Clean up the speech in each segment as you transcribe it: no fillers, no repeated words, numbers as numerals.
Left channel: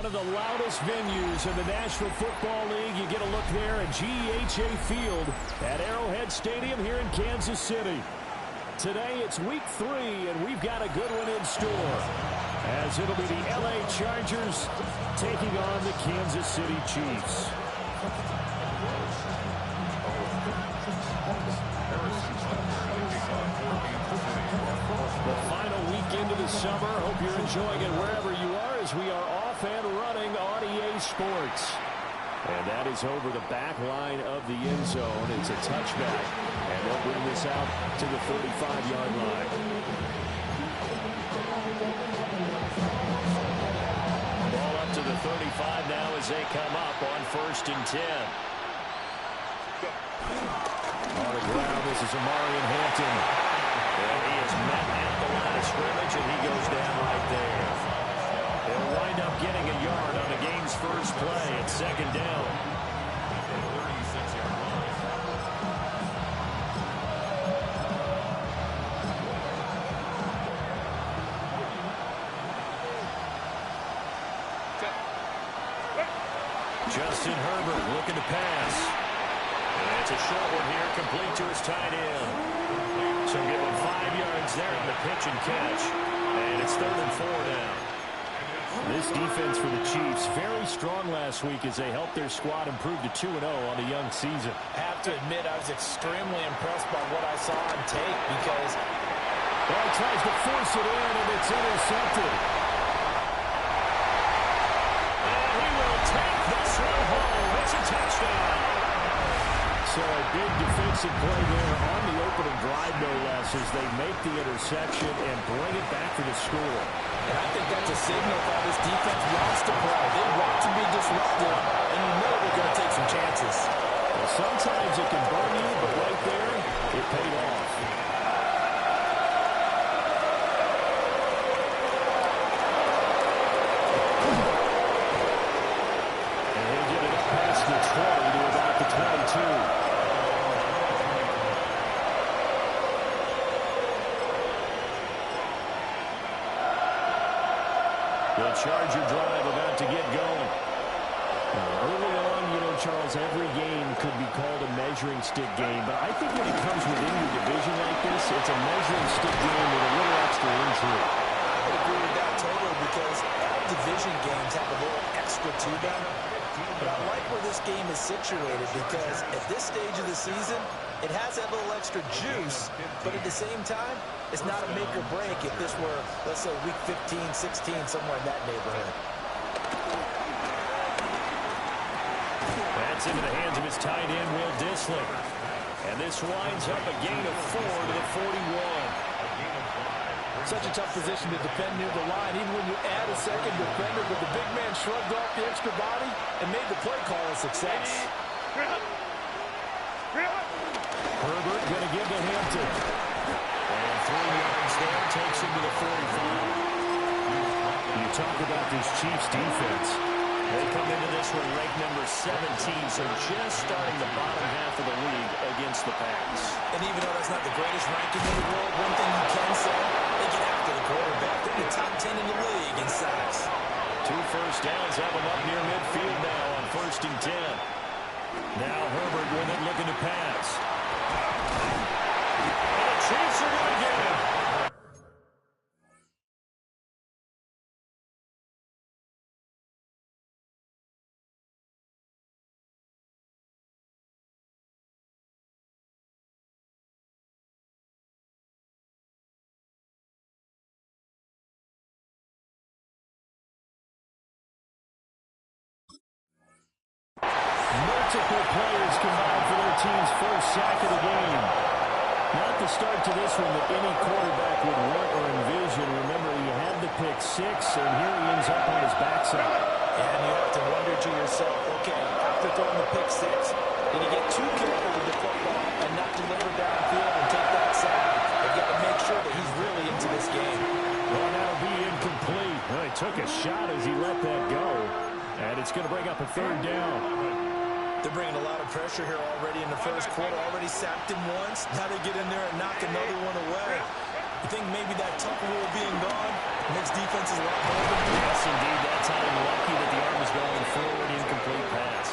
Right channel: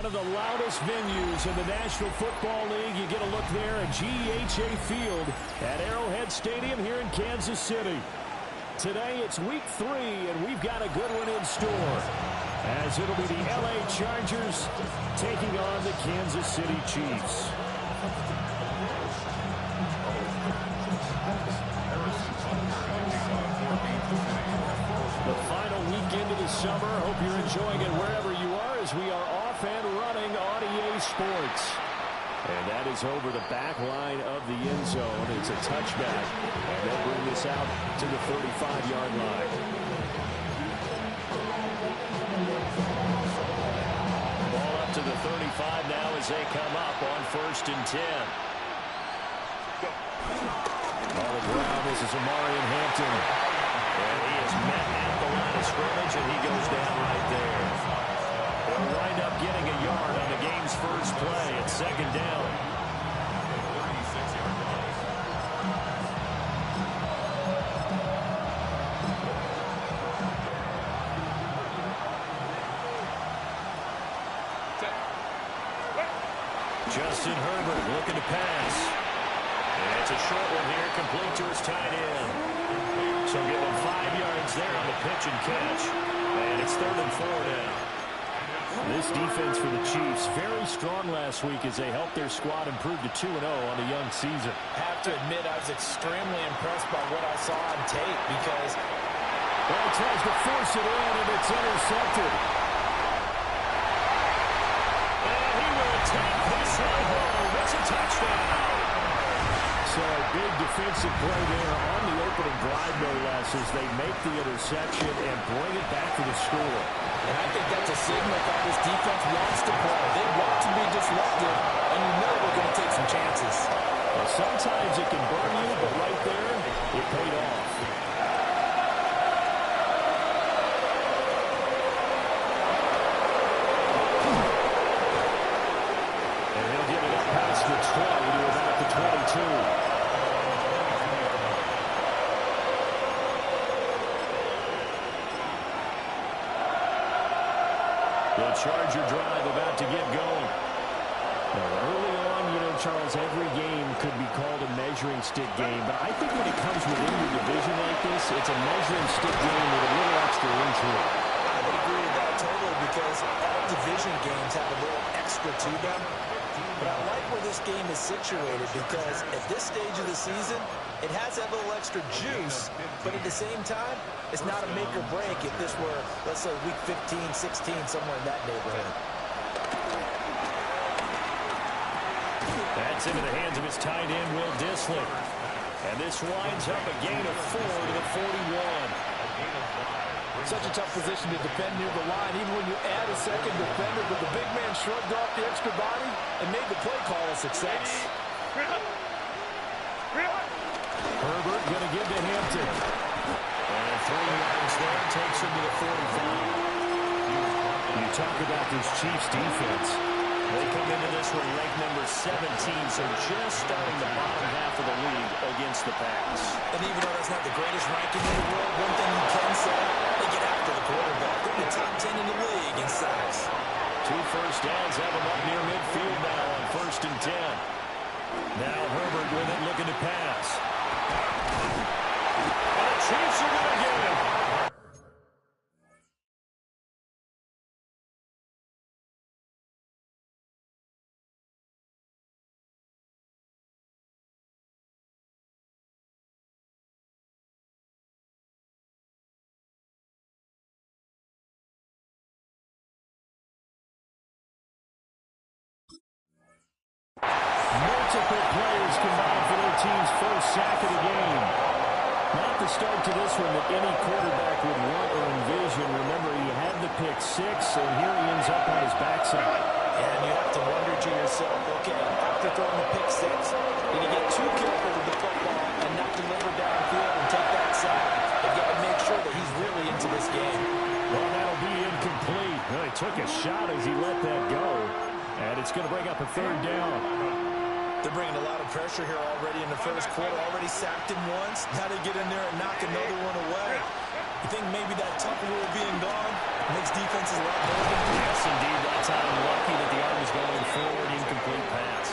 One of the loudest venues in the National Football League. You get a look there at GEHA Field at Arrowhead Stadium here in Kansas City. Today it's week 3, and we've got a good one in store, as it'll be the LA Chargers taking on the Kansas City Chiefs. The final weekend of the summer. Hope you're enjoying it wherever you are, as we are off and running on EA Sports. And that is over the back line of the end zone. It's a touchback, and they'll bring this out to the 35-yard line. Ball up to the 35 now as they come up on 1st and 10. On the ground, this is Amarian Hampton. And he is met at the line of scrimmage, and he goes down right there. He'll wind up getting a yard on the game's first play at 2nd down. 36-yard line. Justin Herbert looking to pass. And it's a short one here, complete to his tight end. So give him 5 yards there on the pitch and catch. And it's 3rd and 4 now. This defense for the Chiefs, very strong last week as they helped their squad improve to 2-0 on a young season. I have to admit, I was extremely impressed by what I saw on tape because... Well, he tries to force it in, and it's intercepted. And he will take this one home. It's a touchdown. So a big defensive play there on the opening drive, no less, as they make the interception and bring it back to the score. And I think that's a signal of how this defense wants to play. They want to be disruptive, and you know they're going to take some chances. Well, sometimes it can burn you, but right there, it paid off. And he'll get it up past the 20 to about the 22. The Charger drive about to get going. Now, early on, you know, Charles, every game could be called a measuring stick game, but I think when it comes within your division like this, it's a measuring stick game with a little extra intrigue. I would agree with that totally, because all division games have a little extra to them. But I like where this game is situated, because at this stage of the season, it has that little extra juice, but at the same time, it's not a make or break if this were, let's say, week 15, 16, somewhere in that neighborhood. That's into the hands of his tight end, Will Dissly. And this winds up a gain of 4 to the 41. Such a tough position to defend near the line, even when you add a second defender, but the big man shrugged off the extra body and made the play call a success. Herbert going to give to Hampton. And 3 yards there, takes him to the 45. You talk about this Chiefs defense. They come into this one ranked number 17, so just starting the bottom half of the league against the pass. And even though that's not the greatest ranking in the world, one thing you can say, they get after the quarterback. They're in the top 10 in the league in sacks. 2 first downs have them up near midfield now on 1st and 10. Now Herbert with it, looking to pass. And the Chiefs are going to get him. Multiple players combined for their team's first sack of the game. Not the start to this one that any quarterback would want or envision. Remember, he had the pick 6, and here he ends up on his backside. And you have to wonder to yourself, okay, after throwing the pick 6, did he get too careful with the football and not deliver downfield and take that sack? They've got to make sure that he's really into this game. Well, that'll be incomplete. Well, he took a shot as he let that go. And it's going to bring up a 3rd down. They're bringing a lot of pressure here already in the first quarter. Already sacked him once. Now they get in there and knock another one away. You think maybe that tuck rule being gone makes defenses a lot bolder? Yes, indeed. That time lucky that the arm was going forward. Incomplete pass.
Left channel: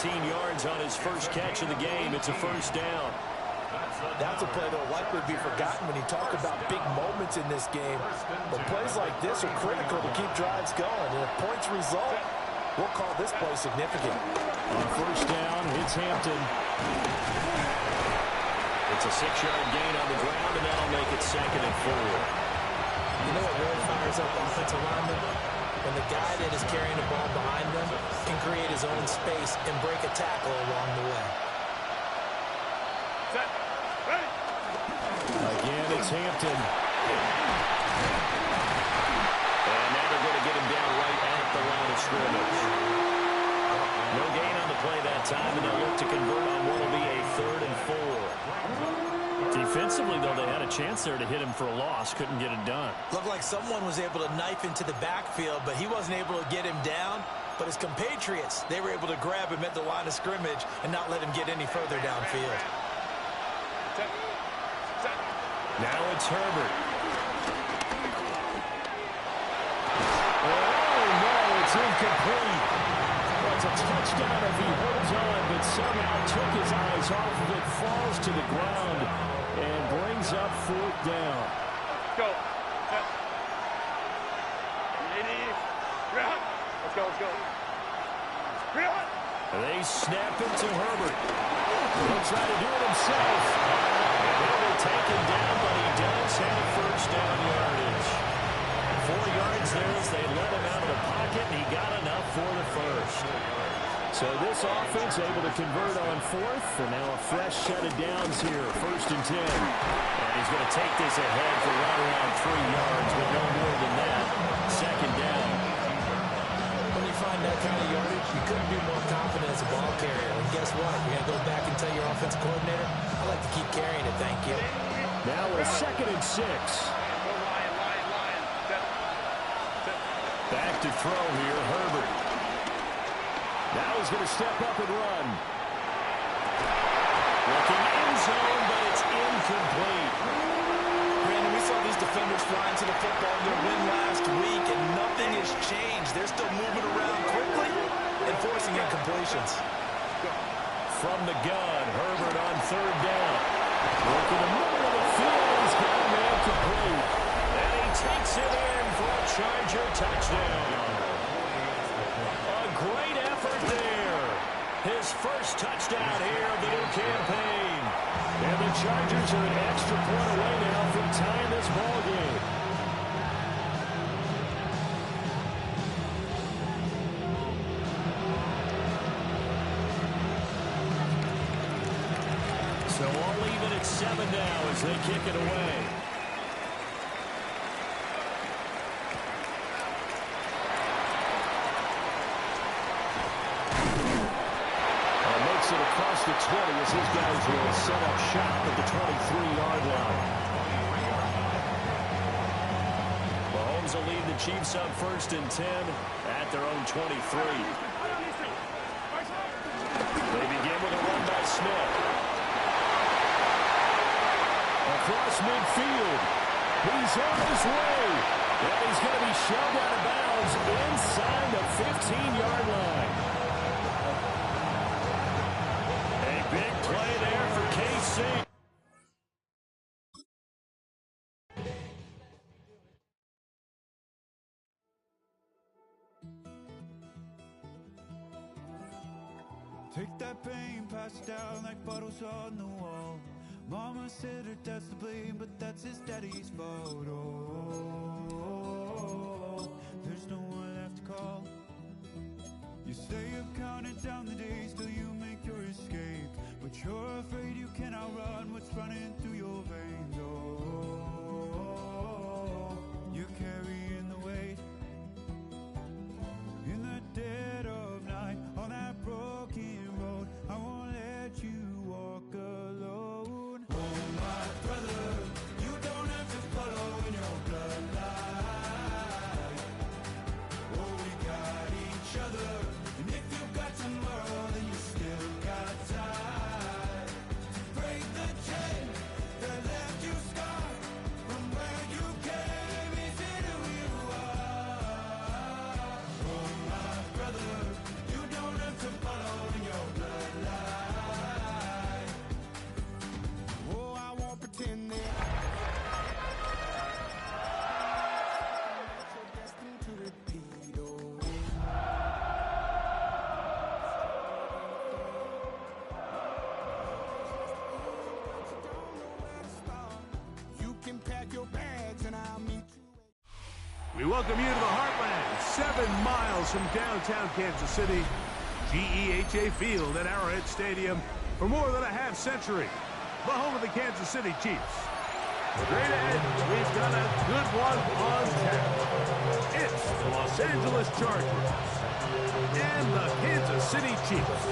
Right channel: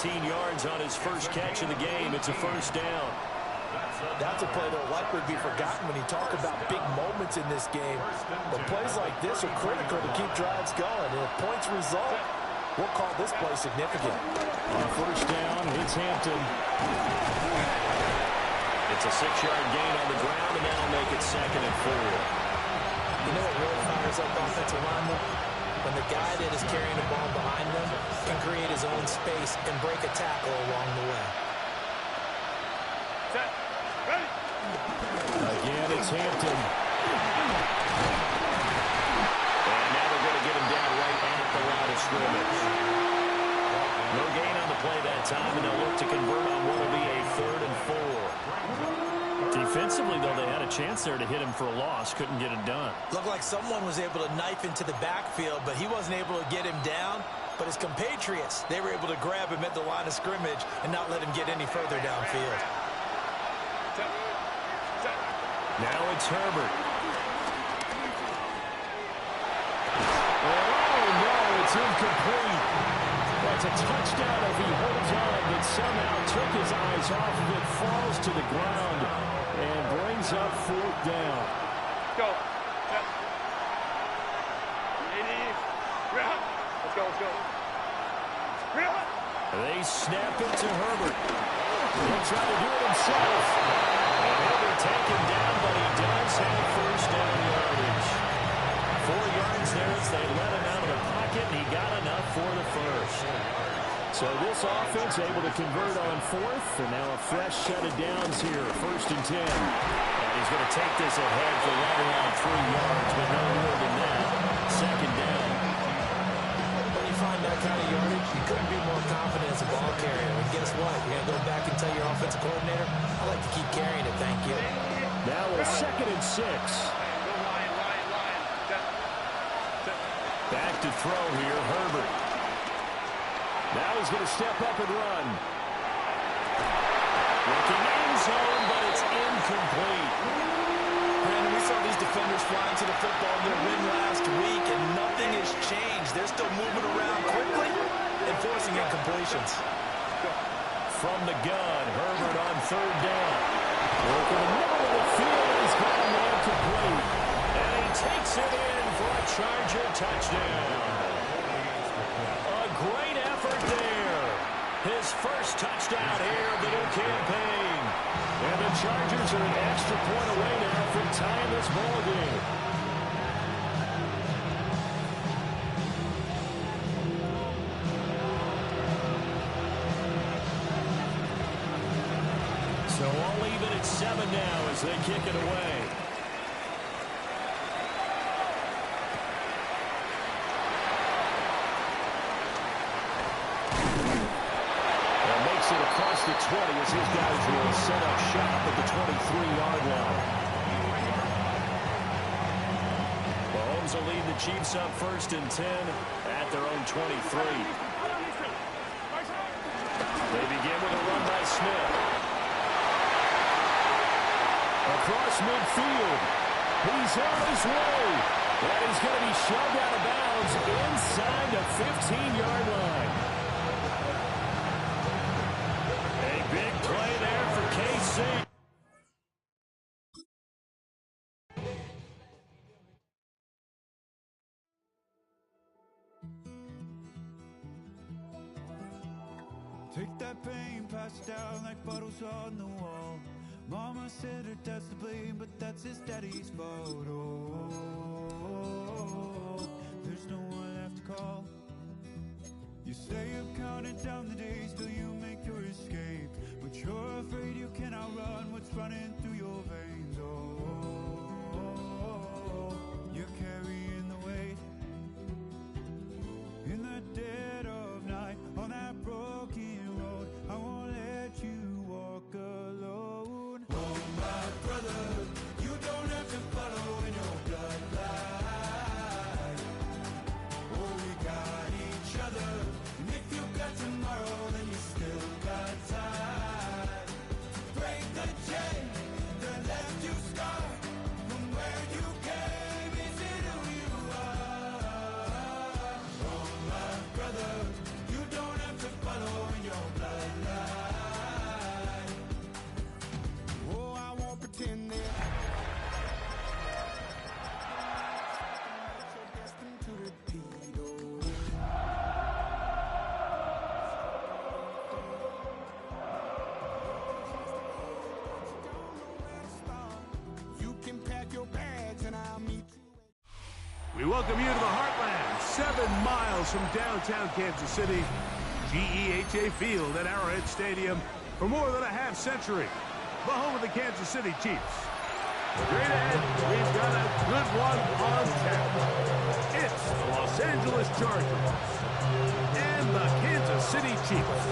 18 yards on his first catch of the game. It's a first down. That's a play that will likely be forgotten when you talk about big moments in this game. But plays like this are critical to keep drives going. And if points result, we'll call this play significant. On first down, it's Hampton. It's a 6-yard gain on the ground, and that'll make it 2nd and 4. You know what really fires up offensive linemen? When the guy that is carrying the ball behind them can create his own space and break a tackle along the way. Set. Ready. Again, it's Hampton. And now they're going to get him down right at the line of scrimmage. No gain on the play that time, and they'll look to convert on what will be a 3rd and 4. Defensively, though, they had a chance there to hit him for a loss. Couldn't get it done. Looked like someone was able to knife into the backfield, but he wasn't able to get him down. But his compatriots, they were able to grab him at the line of scrimmage and not let him get any further downfield. Set. Set. Now it's Herbert. Oh, no, it's incomplete. Well, it's a touchdown if he holds on, but somehow took his eyes off of it, falls to the ground, and brings up 4th down. Go. Set. Real. Let's go. Let's go. Real. They snap it to Herbert. He'll try to do it himself. And he'll be taken down, but he does have first down yardage. 4 yards there as they let him out of the pocket, and he got enough for the first. So this offense able to convert on 4th, and now a fresh set of downs here, 1st and 10. And he's going to take this ahead for right around 3 yards, but no more than that. 2nd down. When you find that kind of yardage, you couldn't be more confident as a ball carrier. And guess what? You're going to go back and tell your offensive coordinator, I like to keep carrying it, thank you. Now a 2nd and 6. Back to throw here, Herbert. Now he's going to step up and run. Looking end zone, but it's incomplete. Brandon, we saw these defenders flying to the football in their win last week, and nothing has changed. They're still moving around quickly and forcing incompletions. From the gun, Herbert on 3rd down. Look in the middle of the field, and he's got a man complete. And he takes it in for a Charger touchdown. A great effort there. His first touchdown here of the new campaign. And the Chargers are an extra point away now from tying this ball game. So all even at 7 now as they kick it away. It across the 20 as his guys will set up shop at the 23-yard line. Mahomes will lead the Chiefs up 1st and 10 at their own 23. They begin with a run by Smith. Across midfield. He's on his way. And he's going to be shoved out of bounds inside the 15-yard line. Big play there for KC. Take that pain, pass it down like bottles on the wall. Mama said her dad's to blame, but that's his daddy's fault. Oh, there's no one left to call. You stay up counting down the days till you make your escape, but you're afraid you cannot run what's running through your veins. Oh, you're carrying the weight in the dead of night on that broken road. I won't let you walk alone. Oh, my brother, you don't have to follow in your bloodline. Oh, we got each other. And if you got tomorrow, then We welcome you to the Heartland, 7 miles from downtown Kansas City. GEHA Field at Arrowhead Stadium for more than a half century. The home of the Kansas City Chiefs. Straight ahead, we've got a good one on tap. It's the Los Angeles Chargers and the Kansas City Chiefs.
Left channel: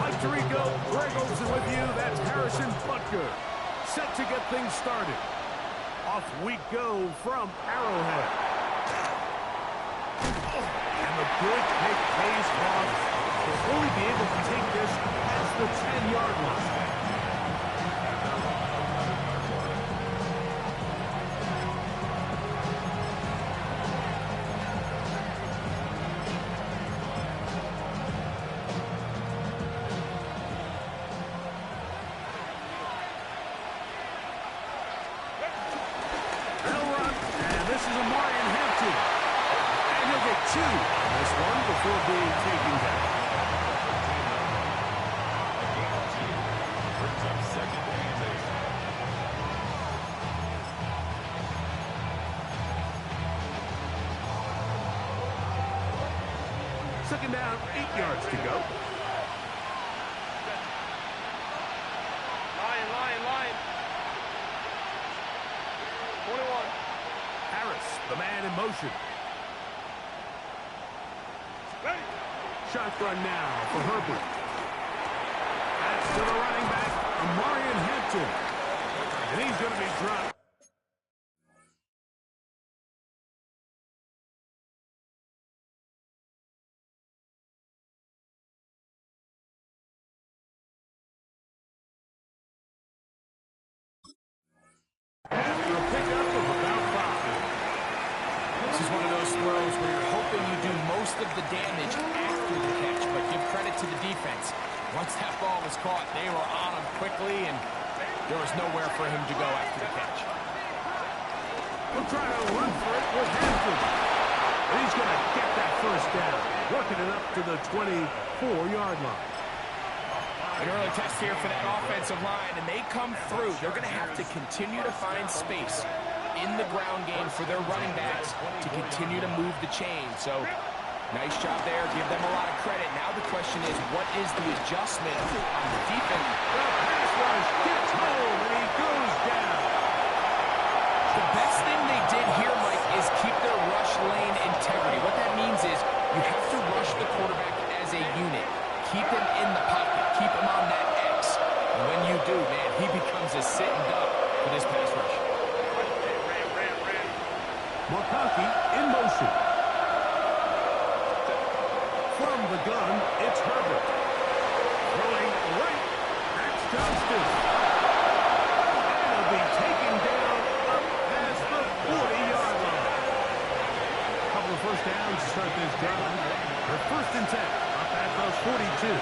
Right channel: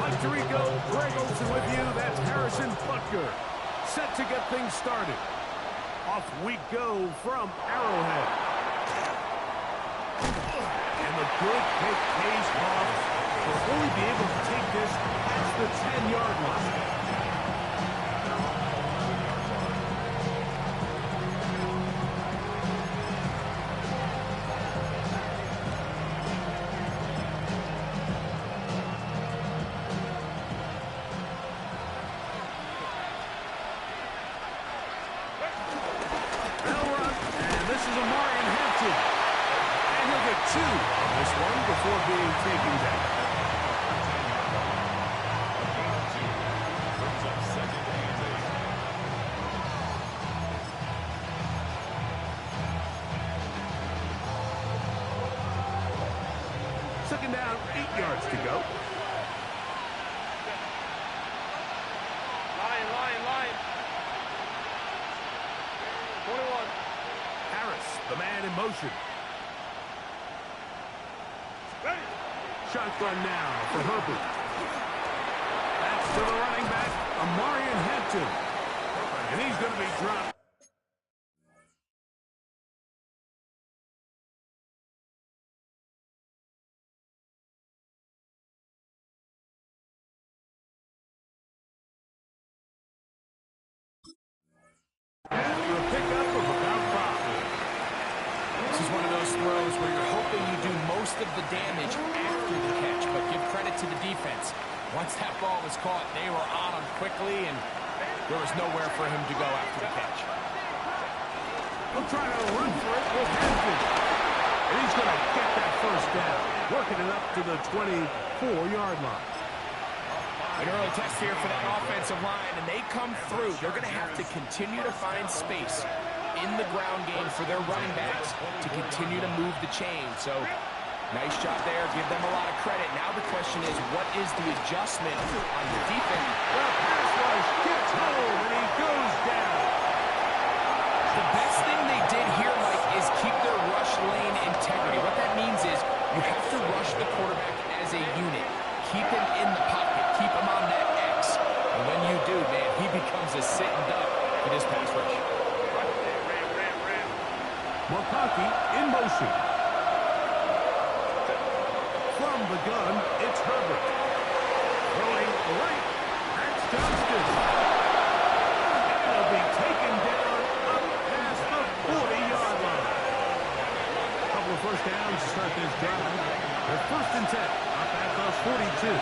Mike Tirico, Greg Olsen with you. That's Harrison Butker. Set to get things started. Off we go from Arrowhead. And the good kick pays off. They'll only be able to take this past the 10-yard line. Before being taken down. A gain of 2 brings up 2nd and 8. Second down, 8 yards to go. Lion. 21. Harris, the man in motion. Shotgun now for Herbert. That's to the running back, Amarian Hampton. And he's going to be dropped. After a pickup of about 5. This is one of those throws where you're hoping you do most of the damage after the catch, but give credit to the defense. Once that ball was caught, they were on him quickly, and there was nowhere for him to go after the catch. We'll try to run for it with Hampton. And he's going to get that first down, working it up to the 24-yard line. An early test here for that offensive line, and they come through. They're going to have to continue to find space in the ground game for their running backs to continue to move the chain. So, nice job there. Give them a lot of credit. Now the question is, what is the adjustment on the defense? The pass rush gets home, and he goes down. The best thing they did here, Mike, is keep their rush lane integrity. What that means is you have to rush the quarterback as a unit. Keep him in the pocket. Keep him on that X. And when you do, man, he becomes a sitting duck for this pass rush. McConkey in motion. From the gun, it's Herbert. Throwing right. That's Johnston. And he'll be taken down up past the 40-yard line. A couple of first downs to start this drive. They're 1st and 10 up at the 42.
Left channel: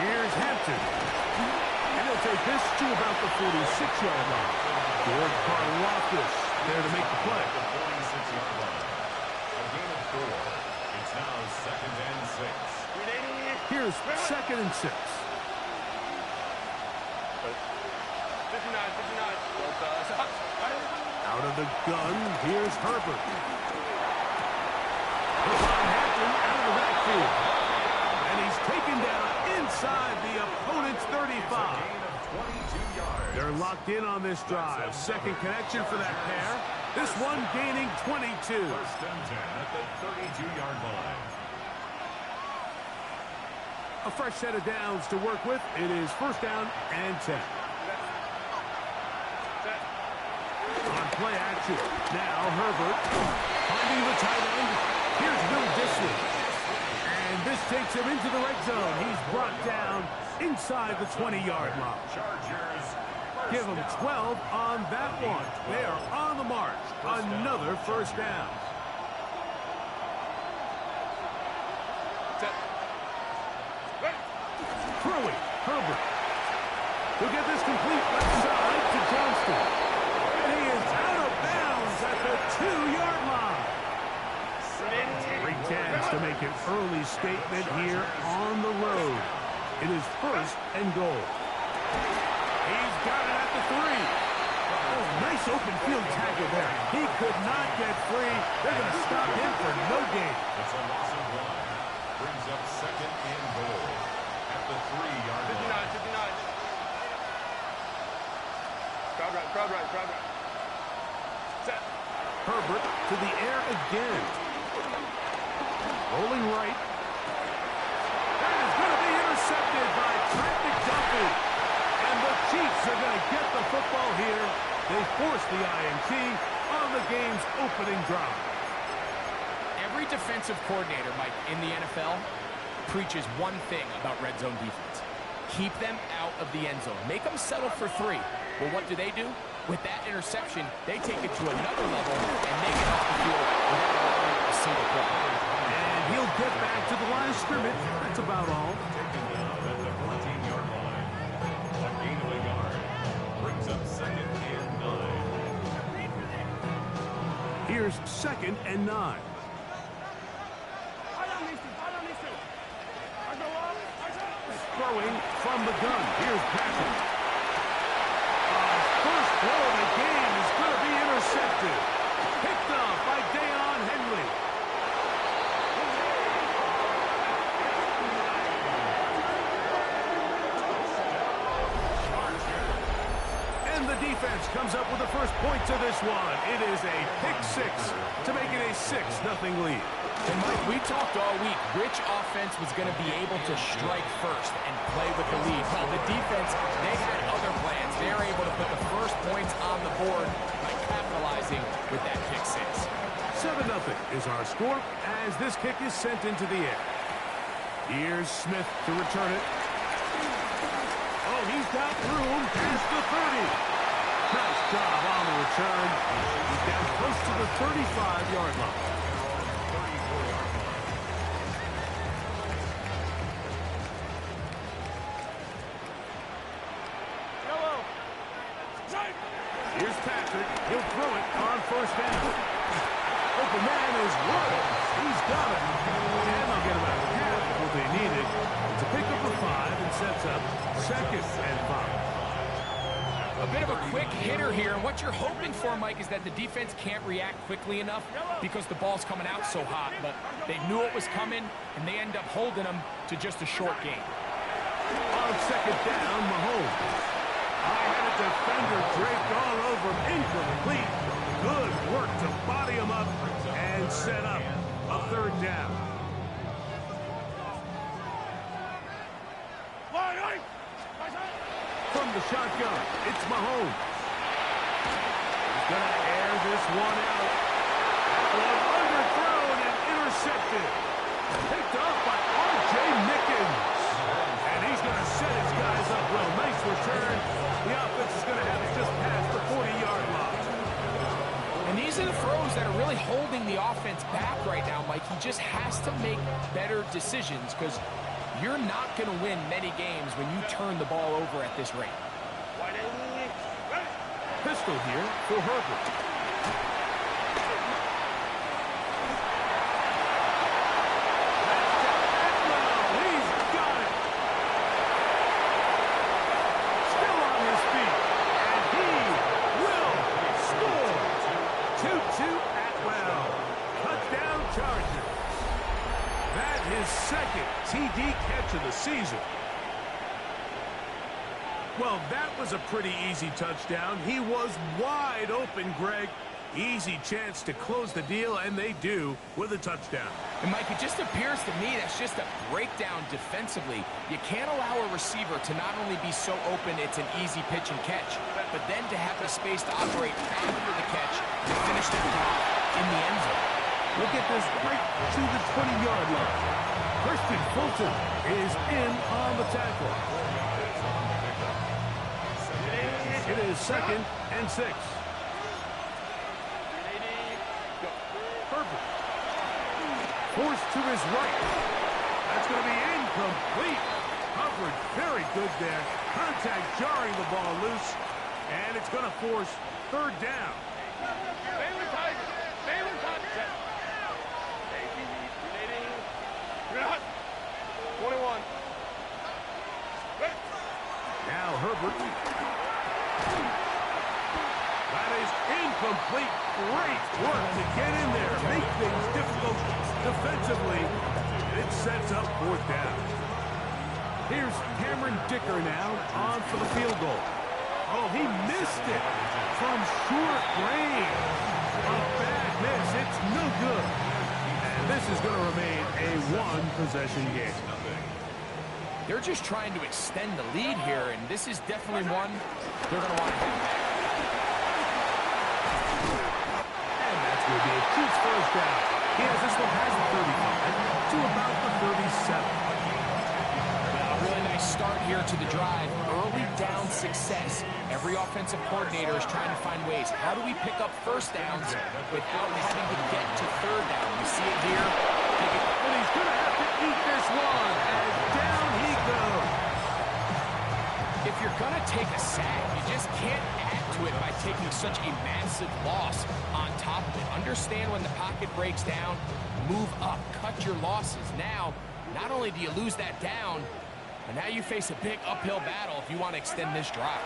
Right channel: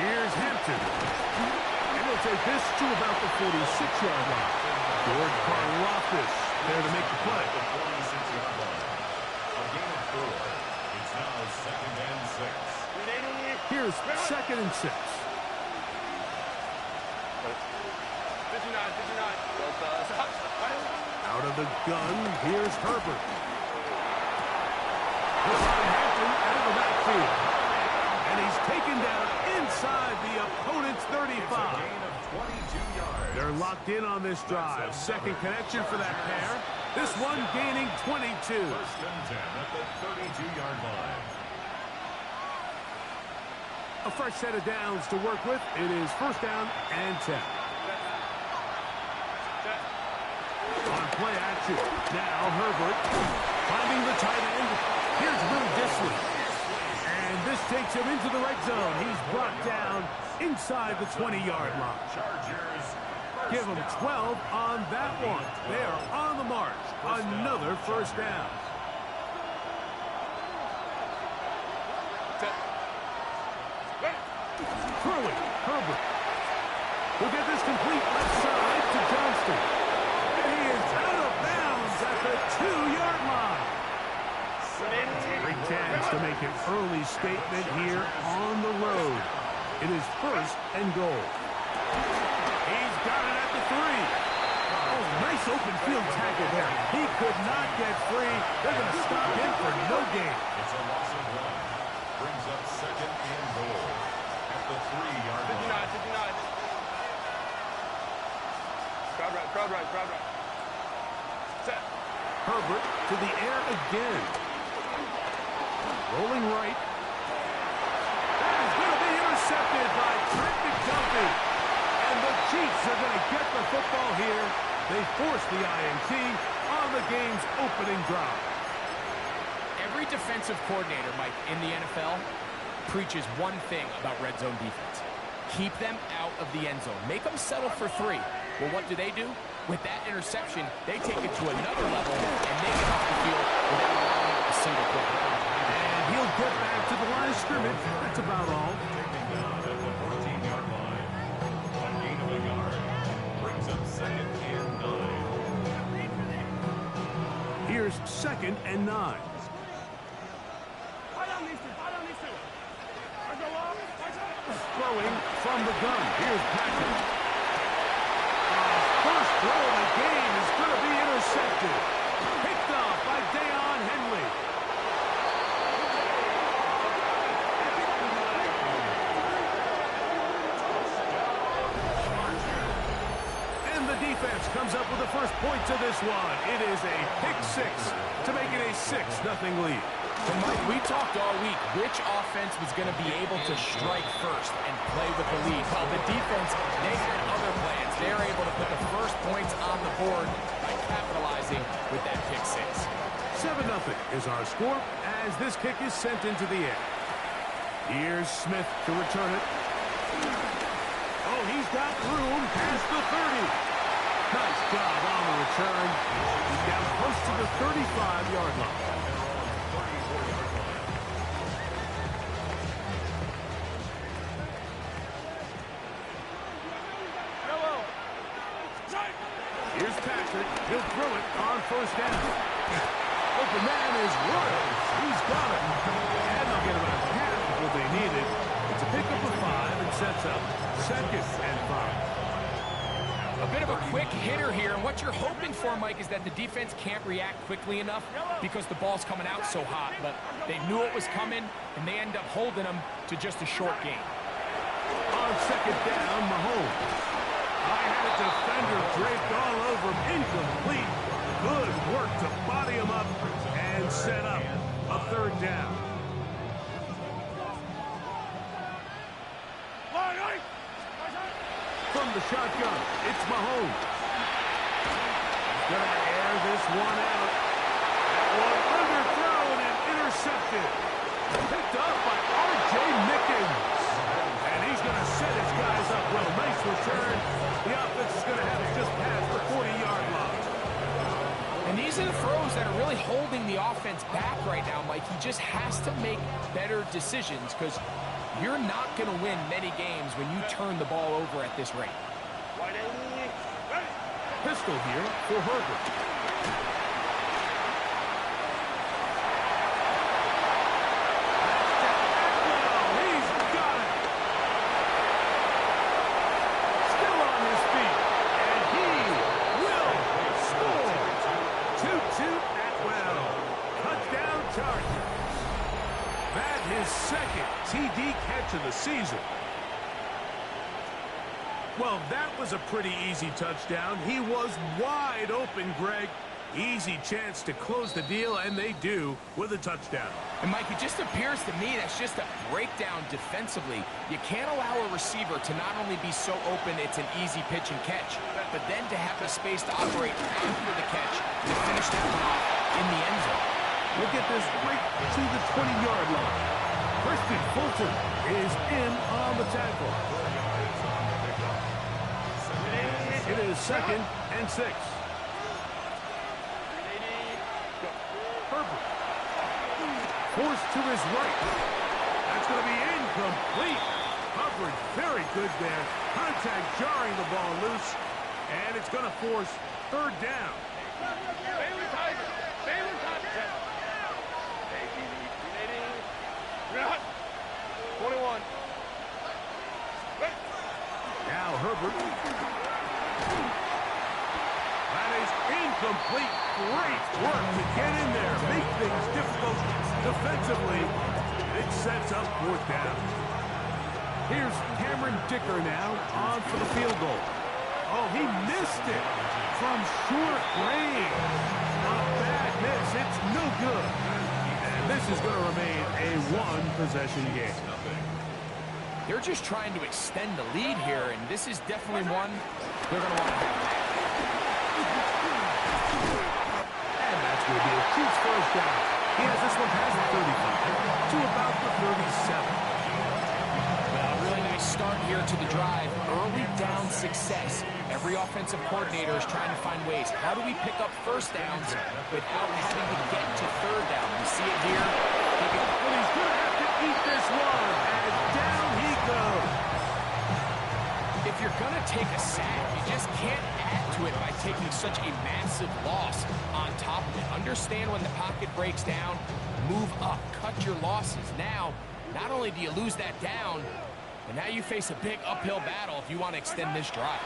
Here's Hampton. And he'll take this to about the 46-yard line. George Karlaftis there to make the play. The 46-yard line. A gain of 4. It's now 2nd and 6. Here's 2nd and 6. 59. Out of the gun, here's Herbert. He'll find Hampton out of the backfield. And he's taken down inside the opponent's 35. It's a gain of 22 yards. They're locked in on this drive. Second connection for that pair. This one gaining 22. 1st and 10 at the 32-yard line. A fresh set of downs to work with. It is 1st down and 10. On play action. Now Herbert finding the tight end. Here's Will Dissly. And this takes him into the red zone. He's brought down inside the 20-yard line. Chargers. Give them 12 on that one. They are on the march. Another 1st down. Throwing, Herbert. He'll get this complete left side to Johnston. And he is out of bounds at the 2-yard line. Great chance to make an early statement here on the road. It is 1st and goal. He's got it at the 3. Oh, nice open field tackle there. He could not get free. They're going to stop him for no gain. It's a loss of 1. Brings up second and goal at the 3-yard line. 59. Crowd right. Set. Herbert to the air again. Rolling right. That is going to be intercepted by Trent McDuffie. And the Chiefs are going to get the football here. They force the INT on the game's opening drive. Every defensive coordinator, Mike, in the NFL preaches one thing about red zone defense. Keep them out of the end zone. Make them settle for 3. Well, what do? With that interception, they take it to another level, and they get off the field without allowing a single play. And he'll get back to the line of scrimmage. That's about all. Taken down at the 14-yard line. A gain of a yard. Brings up second and 9. Here's second and 9. Throwing from the gun. Here's Patrick. First throw of the game is going to be intercepted. Picked up by Deion Henley. And the defense comes up with the first points of this one. It is a pick 6 to make it a 6-0 lead. And Mike, we talked all week which offense was going to be able to strike first and play with the lead. Well, the defense, they had other plans. They're able to put the first points on the board by capitalizing with that pick 6. 7-0 is our score as this kick is sent into the air. Here's Smith to return it. Oh, he's got room past the 30. Nice job on the return. He's down close to the 35-yard line. Here's Patrick. He'll throw it on first down. Open man is Wood. He's got it. And they'll get about half of what they needed. It's a pickup of 5 and sets up second and 5. A bit of a quick hitter here, and what you're hoping for, Mike, is that the defense can't react quickly enough because the ball's coming out so hot, but they knew it was coming, and they end up holding them to just a short gain. On second down, Mahomes. I had a defender draped all over him. Incomplete. Good work to body him up and set up a third down. From the shotgun, it's Mahomes. He's going to air this one out. That one underthrown and intercepted. Picked up by R.J. Mickens. And he's going to set his guys up well. Nice return. The offense is going to have it just past the 40-yard line. And these are the throws that are really holding the offense back right now, Mike. He just has to make better decisions because you're not going to win many games when you turn the ball over at this rate. Pistol here for Herbert. His second TD catch of the season. Well, that was a pretty easy touchdown. He was wide open, Greg. Easy chance to close the deal, and they do with a touchdown. And, Mike, it just appears to me that's just a breakdown defensively. You can't allow a receiver to not only be so open it's an easy pitch and catch, but then to have the space to operate after the catch to finish that one off in the end zone. Look at this right to the 20-yard line. Christian Fulton is in on the tackle. It is second and 6. Herbert. Forced to his right. That's going to be incomplete. Coverage very good there. Contact jarring the ball loose. And it's going to force third down. Baylor Tigers. Baylor Tigers. 21. Now Herbert. incomplete. Great work to get in there, make things difficult defensively, and it sets up fourth down. Here's Cameron Dicker now on for the field goal. Oh, he missed it from short range. A bad miss. It's no good. And this is going to remain a one-possession game. They're just trying to extend the lead here, and this is definitely one they're going to want to have back. And that's going to be a Chiefs first down. He has this one past the 35 to about the 37. Well, a really nice start here to the drive. Early down success. Every offensive coordinator is trying to find ways. How do we pick up first downs without having to get to third down? We see it here. And he's going to have to eat this one as down he goes. If you're going to take a sack, you just can't add to it by taking such a massive loss on top of it. Understand when the pocket breaks down, move up, cut your losses. Now, not only do you lose that down, but now you face a big uphill battle if you want to extend this drive.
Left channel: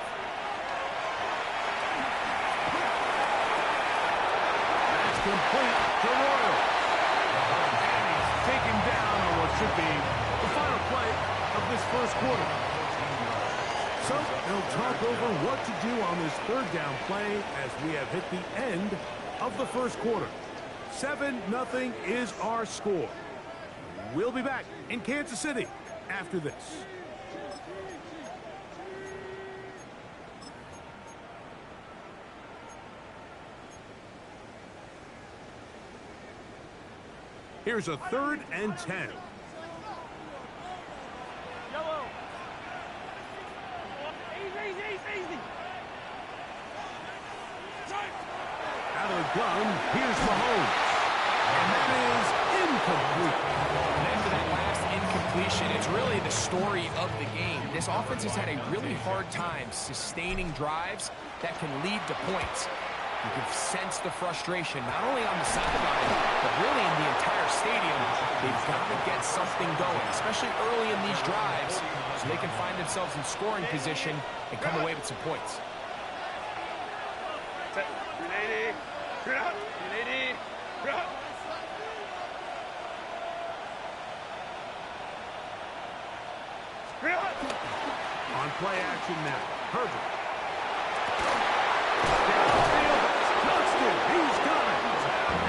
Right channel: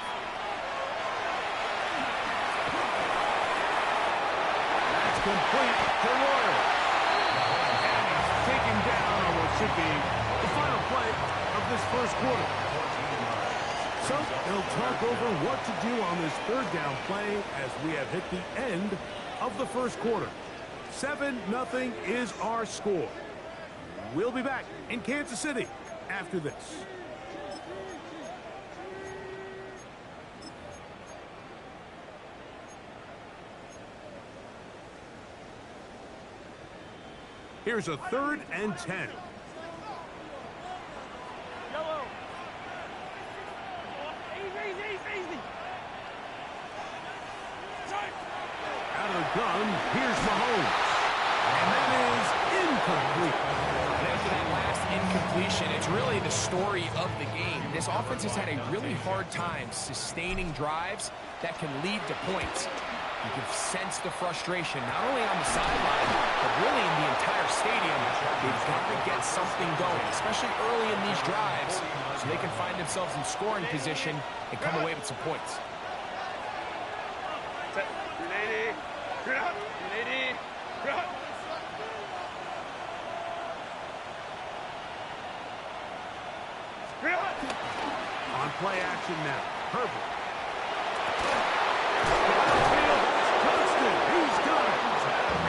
That's complete to Royal. And he's taken down on what should be the final play of this first quarter. So they'll talk over what to do on this third down play as we have hit the end of the first quarter. 7-0 is our score. We'll be back in Kansas City after this. Here's a 3rd and 10. Yellow. Easy. Out of the gun, here's Mahomes. And that is incomplete. And after that last incompletion, it's really the story of the game. This offense has had a really hard time sustaining drives that can lead to points. You can sense the frustration, not only on the sideline, but really in the entire stadium. They've got to get something going, especially early in these drives, so they can find themselves in scoring position and come away with some points. 380. Good up. 380. Good up. On play action now, Herbert. Downfield, Johnston, he's got it.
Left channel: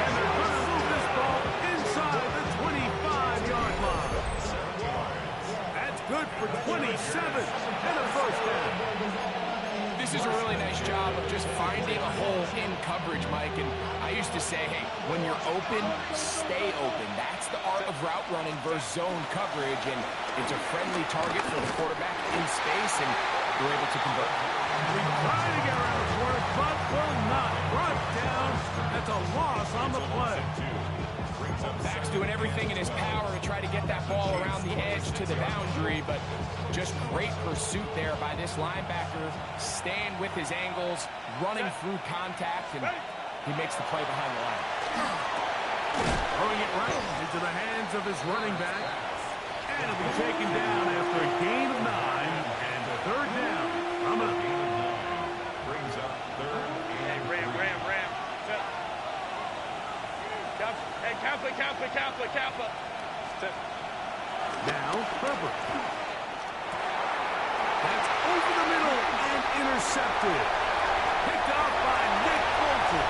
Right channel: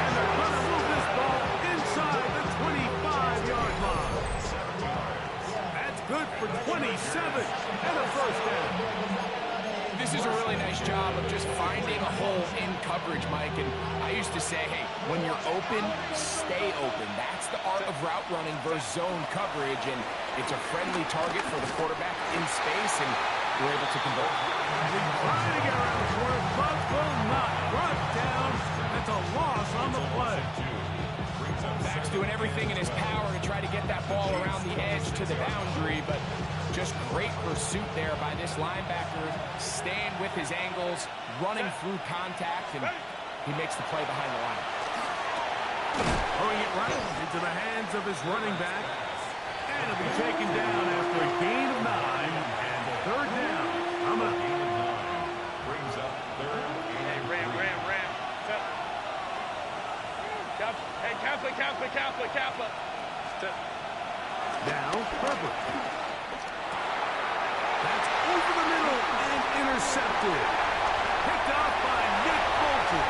And they're going to move this ball inside the 25-yard line. That's good for 27 and a first down. This is a really nice job of just finding a hole in coverage, Mike. And I used to say, hey, when you're open, stay open. That's the art of route running versus zone coverage. And it's a friendly target for the quarterback in space, and we're able to convert. He's trying to get around the corner, but will not. Brought down. That's a loss on the play. Back's doing everything in his power to try to get that ball around the edge to the boundary, but just great pursuit there by this linebacker, staying with his angles, running through contact, and he makes the play behind the line. Throwing it right into the hands of his running back, and it'll be taken down after a gain of 9 and third down. Coming up. Brings up 3rd and Ram. Hey, Kappa. Now, Herbert. That's over the middle and intercepted. Picked off by Nick Bolton.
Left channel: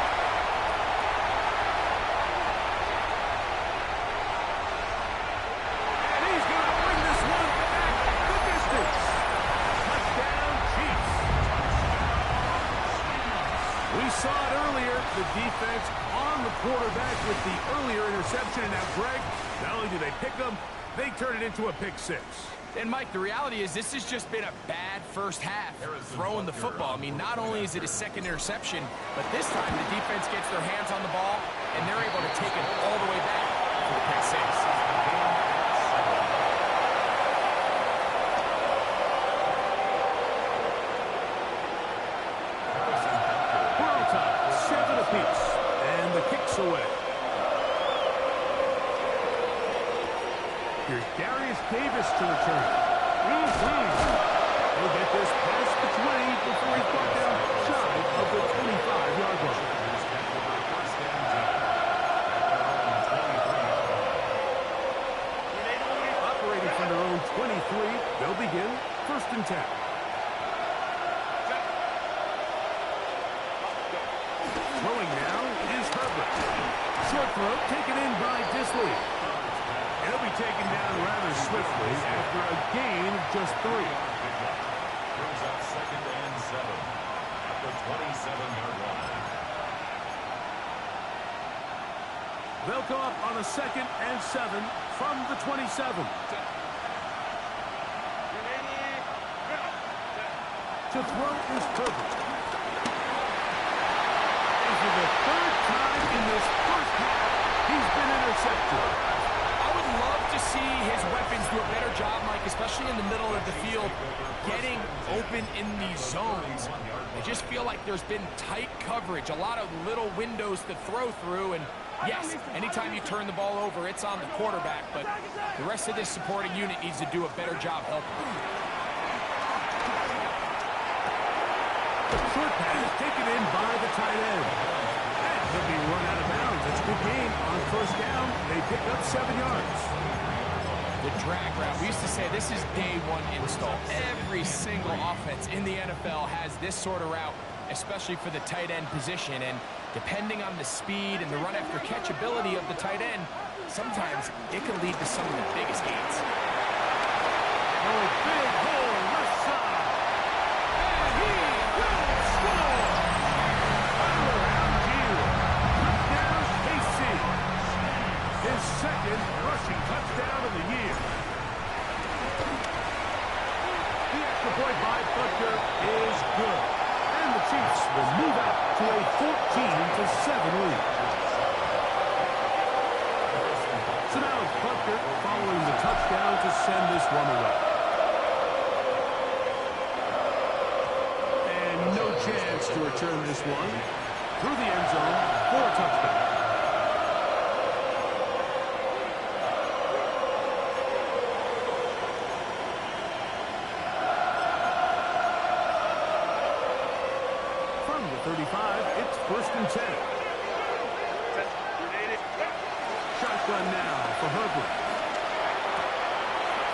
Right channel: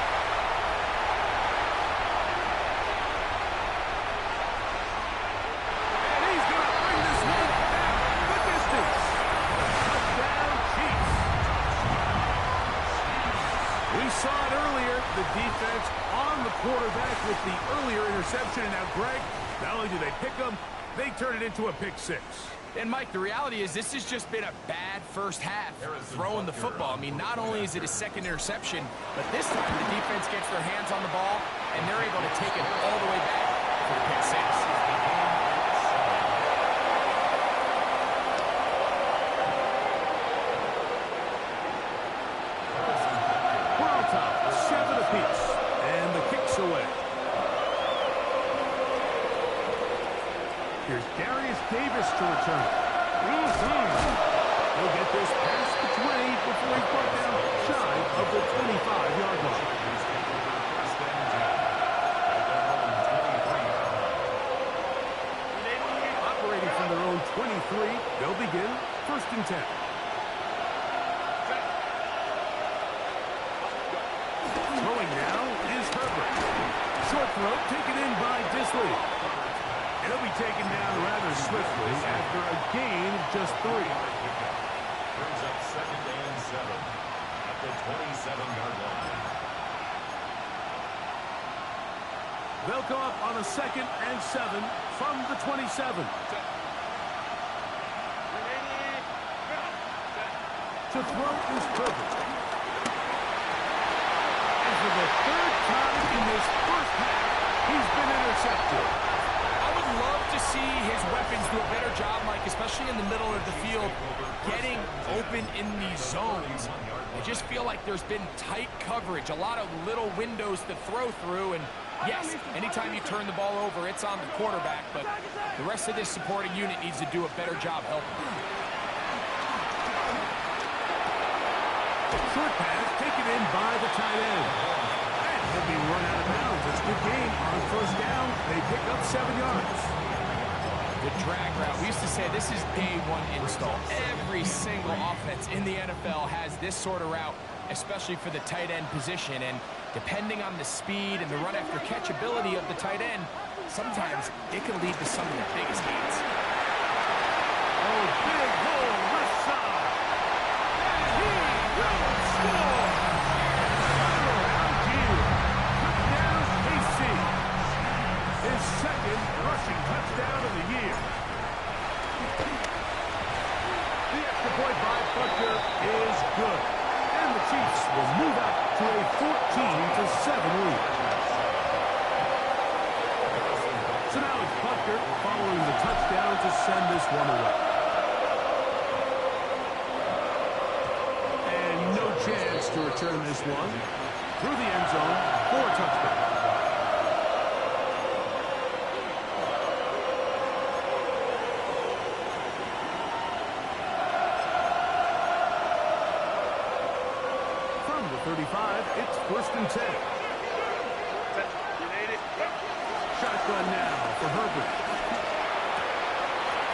And he's going to bring this one back the distance. Touchdown, Chiefs. We saw it earlier, the defense on the quarterback with the earlier interception. And now, Greg, not only do they pick them, they turn it into a pick 6. And, Mike, the reality is this has just been a bad first half throwing the football. I mean, not only is it a second interception, but this time the defense gets their hands on the ball, and they're able to take it all the way back for the pick 6. We're on top, 7 apiece, and the kick's away. Here's Darius Davis to return. He'll get this past the 20 before he's brought down shy of the 25-yard line. First and 10 at their own 23. Operating from their own 23, they'll begin first and 10. Throwing now is Herbert. Short throw taken in by Disley. He'll be taken down rather swiftly after a gain of just 3. Brings up second and 7 at the 27-yard line. They'll come up on a second and 7 from the 27. To throw is Herbert. And for the third time in this first half, he's been intercepted. I would love to see his weapons do a better job, Mike, especially in the middle of the field, getting open in these zones. I just feel like there's been tight coverage, a lot of little windows to throw through, and yes, anytime you turn the ball over, it's on the quarterback, but the rest of this supporting unit needs to do a better job helping. Short pass taken in by the tight end. And he'll be run out of bounds. It's a good gain on first down. They pick up 7 yards. The drag route. We used to say this is day one install. Every single offense in the NFL has this sort of route, especially for the tight end position. And depending on the speed and the run after catch ability of the tight end, sometimes it can lead to some of the biggest gains. Oh, big hole left side. And he will score. Around you. Touchdown, KC. His second rushing touchdown of the year. The extra point by Butker is good. And the Chiefs will move out to a 14-7 lead. So now it's Butker following the touchdown to send this one away. And no chance to return this one through the end zone for a touchdown. From the 35, it's first and 10. Shotgun now for Herbert.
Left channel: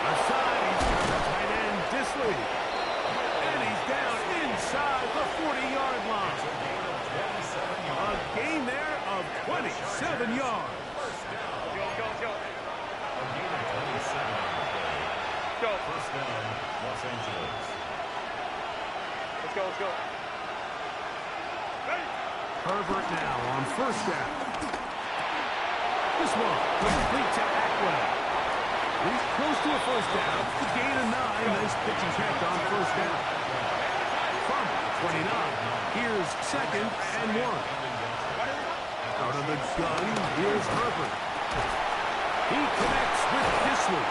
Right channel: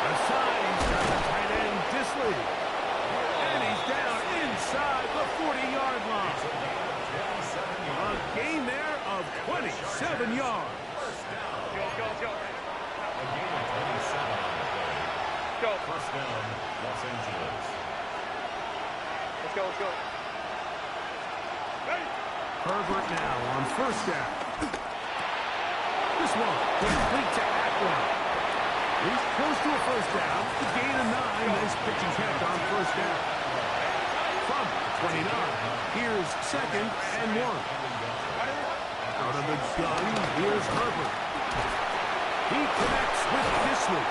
Aside, he's got the tight end, Disley. And he's down inside the 40-yard line. A gain there of 27 yards. Go. A gain of 27 on the play. Go. First down, Los Angeles. Let's go. Ready. Herbert now on first down. This one complete to Atwell. He's close to a first down. The gain of 9. Nice pitch and catch on first down. From 29, here's second and 1. Out of the gun, here's Herbert. He connects with Disley.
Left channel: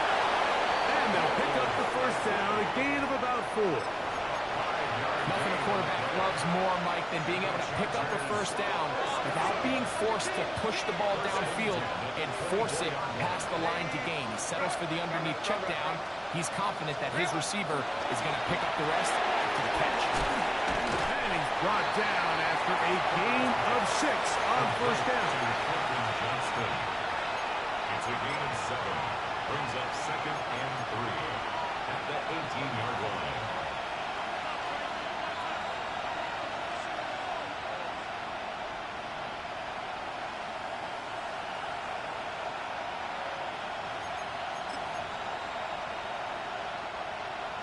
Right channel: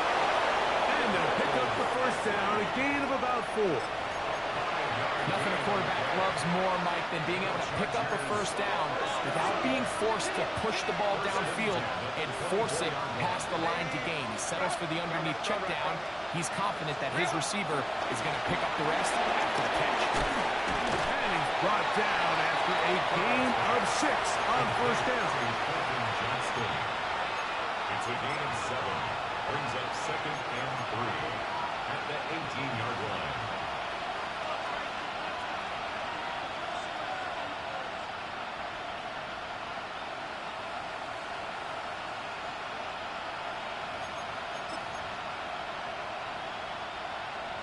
And they'll pick up the first down, a gain of about 4. Nothing a quarterback loves more, Mike, than being able to pick up a first down without being forced to push the ball downfield and force it past the line to gain. He settles for the underneath check down. He's confident that his receiver is going to pick up the rest after the catch. And he's brought down after a gain of 6 on first down. It's a gain of 7. Brings up second and 3 at the 18-yard line.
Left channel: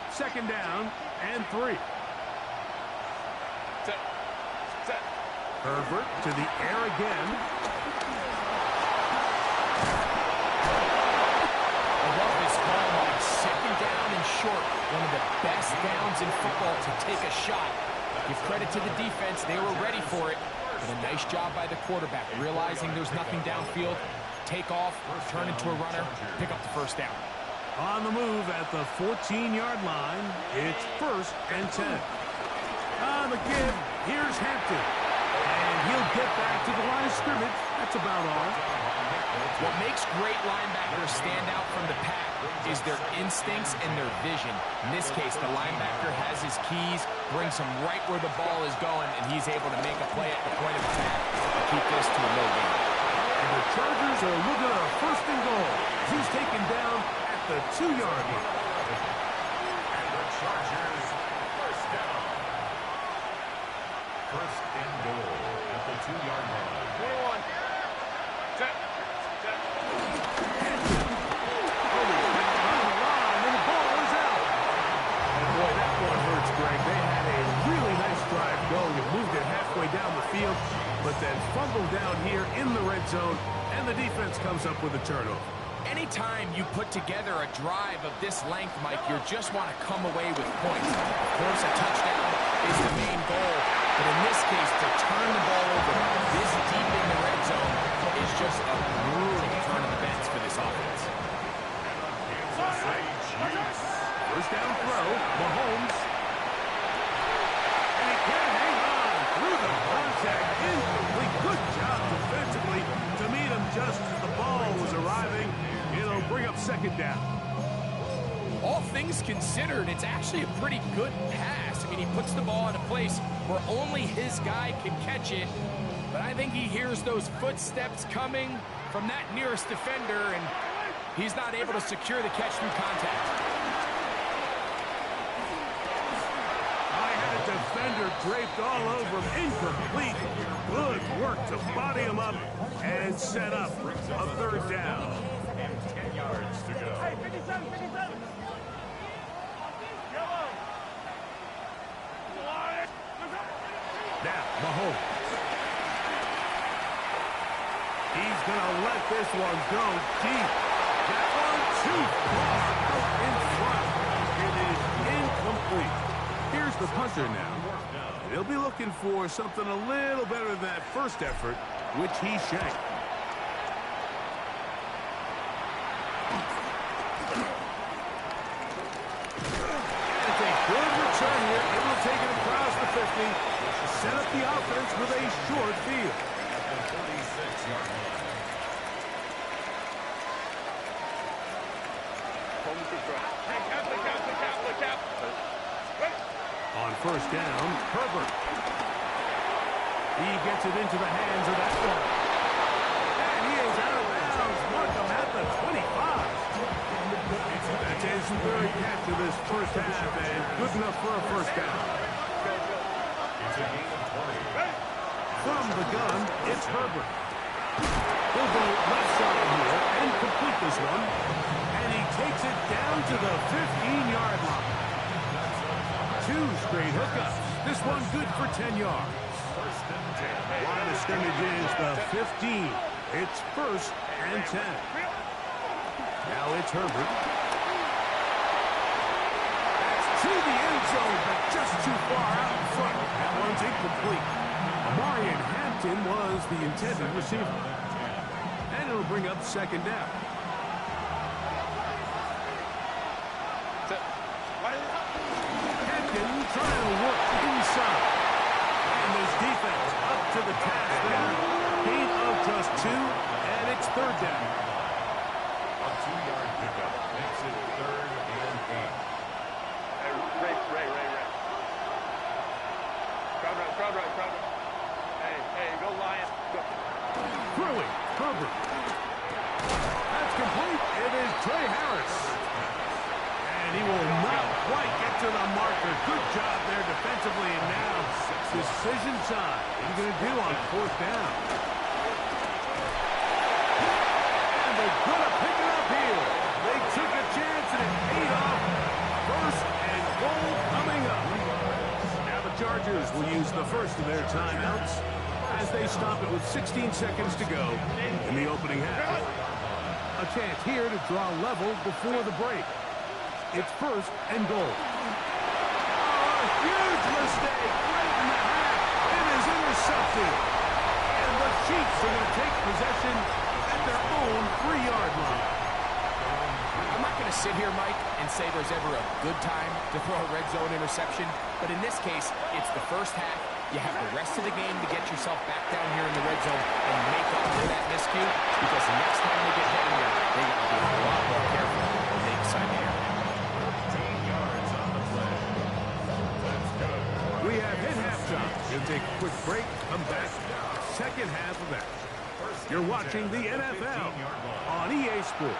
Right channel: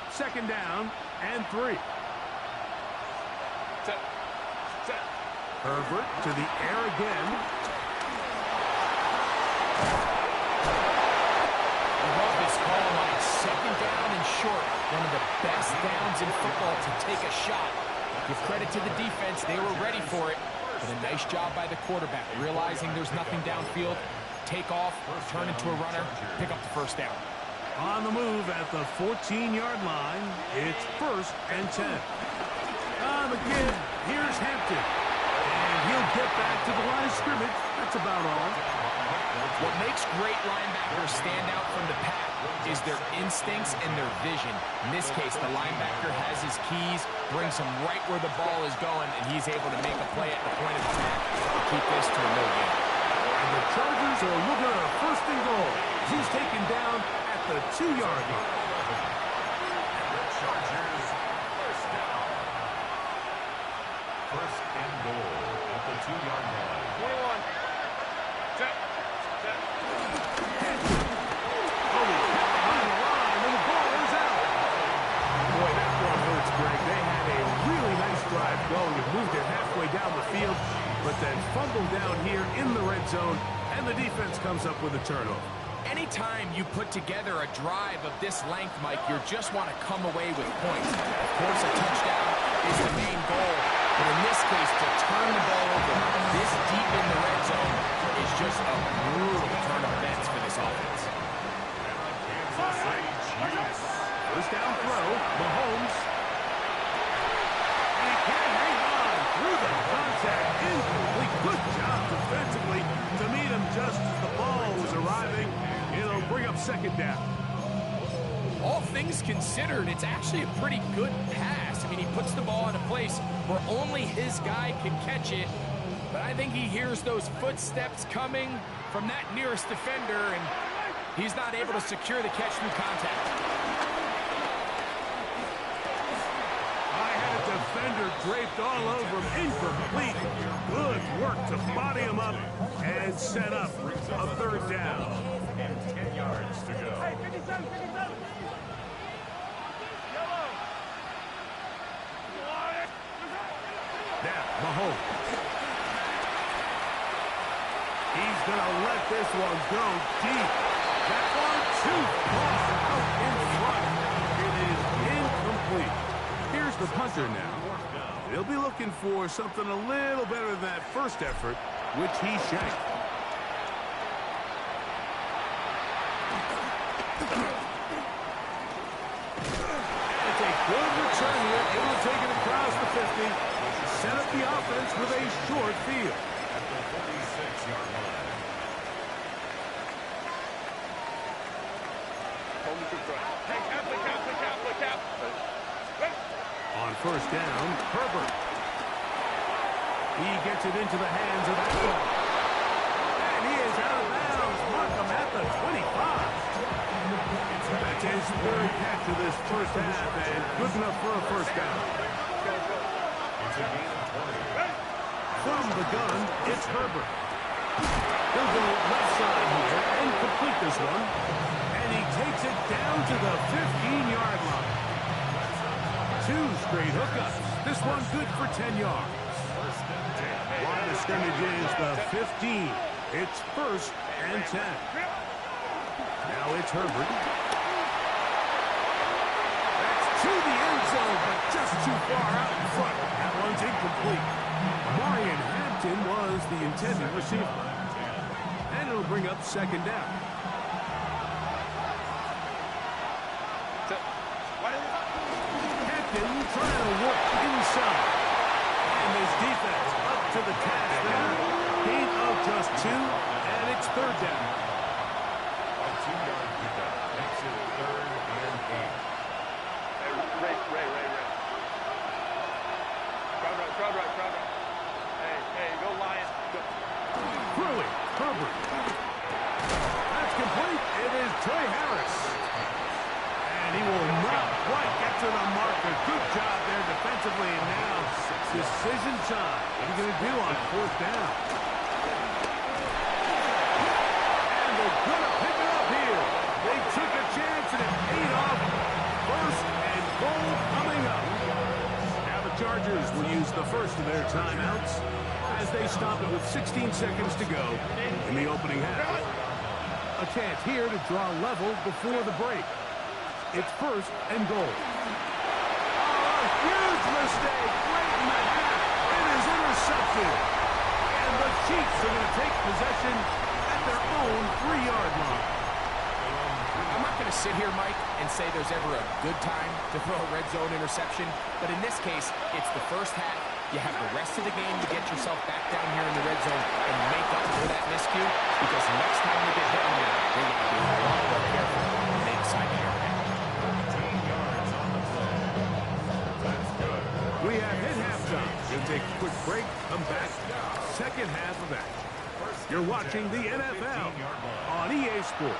Second down and 3. Set. Herbert to the air again. I love this call, Mike. Second down and short. One of the best downs in football to take a shot. Give credit to the defense. They were ready for it. But a nice job by the quarterback, realizing there's nothing downfield. Take off, turn into a runner, pick up the first down. On the move at the 14-yard line, it's first and 10. On the give, here's Hampton. And he'll get back to the line of scrimmage. That's about all. What makes great linebackers stand out from the pack is their instincts and their vision. In this case, the linebacker has his keys, brings him right where the ball is going, and he's able to make a play at the point of attack and keep this to a no gain. And the Chargers are looking at a first and goal. He's taken down at the 2-yard line. And the Chargers, first down. First and goal at the 2-yard line. 21. Set. Only kept behind the line, and the ball is out. Boy, that one hurts, Greg. They had a really nice drive going and moved it halfway down the field, but then fumbled down here in the red zone, and the defense comes up with a turnover. Anytime you put together a drive of this length, Mike, you just want to come away with points. Of course, a touchdown is the main goal, but in this case, to turn the ball over this deep in the red zone is just a brutal turn of events for this offense. And on Kansas City Chiefs. First down throw, Mahomes. And he can't hang on through the contact. Incomplete. Good job defensively to meet him just as the ball was arriving. It'll bring up second down. All things considered, it's actually a pretty good pass. I mean, he puts the ball in a place where only his guy can catch it. But I think he hears those footsteps coming from that nearest defender, and he's not able to secure the catch through contact. I had a defender draped all over him. Incomplete. Good work to body him up and set up a third down. And 10 yards to go. Hey, 57. Yellow. Now, Mahomes. He's going to let this one go deep. That one too far out in front. It is incomplete. Here's the punter now. He'll be looking for something a little better than that first effort, which he shanked. And it's a good return here, able to take it across the 50, set up the offense with a short field. At the 46-yard line. Hey, cap. On first down, Herbert. He gets it into the hands of that one. And he is out of bounds. Mark him at the 25. That's his third catch of this first half, and good enough for a first down. It's a gain of 20. From the gun, it's Herbert. He'll go left side here and complete this one. And he takes it down to the 15-yard line. 2 straight hookups. This one good for 10 yards. Line of scrimmage is the 15. It's first and 10. Now it's Herbert. That's to the end zone, but just too far out in front. That one's incomplete. Amarian Hampton was the intended receiver. And it'll bring up second down. Hampton trying to work inside. And this defense up to the task there. Gain of just 2, and it's third down. A 2-yard pickup makes it 3rd and 8. Hey, Ray. Crowd right. Hey, go Lions. Go. Throwing, Herbert. That's complete. It is Trey Harris. And he will not quite get to the marker. Good job there defensively, and now decision time. What are you going to do on fourth down? And they're going to pick it up here. They took a chance, and it paid off. First and goal coming up. Now the Chargers will use the first of their timeouts as they stop it with 16 seconds to go in the opening half. A chance here to draw level before the break. It's first and goal. Oh, a huge mistake late in the half. It is intercepted. And the Chiefs are going to take possession at their own 3-yard line. I'm not going to sit here, Mike, and say there's ever a good time to throw a red zone interception, but in this case, it's the first half. You have the rest of the game to get yourself back down here in the red zone and make up for that miscue, because next time they get down here, they got to be a lot more careful when they decide to air back. 15 yards on the play. That's good. We have hit halftime. We'll take a quick break, come back, second half of action. You're watching the NFL on EA Sports.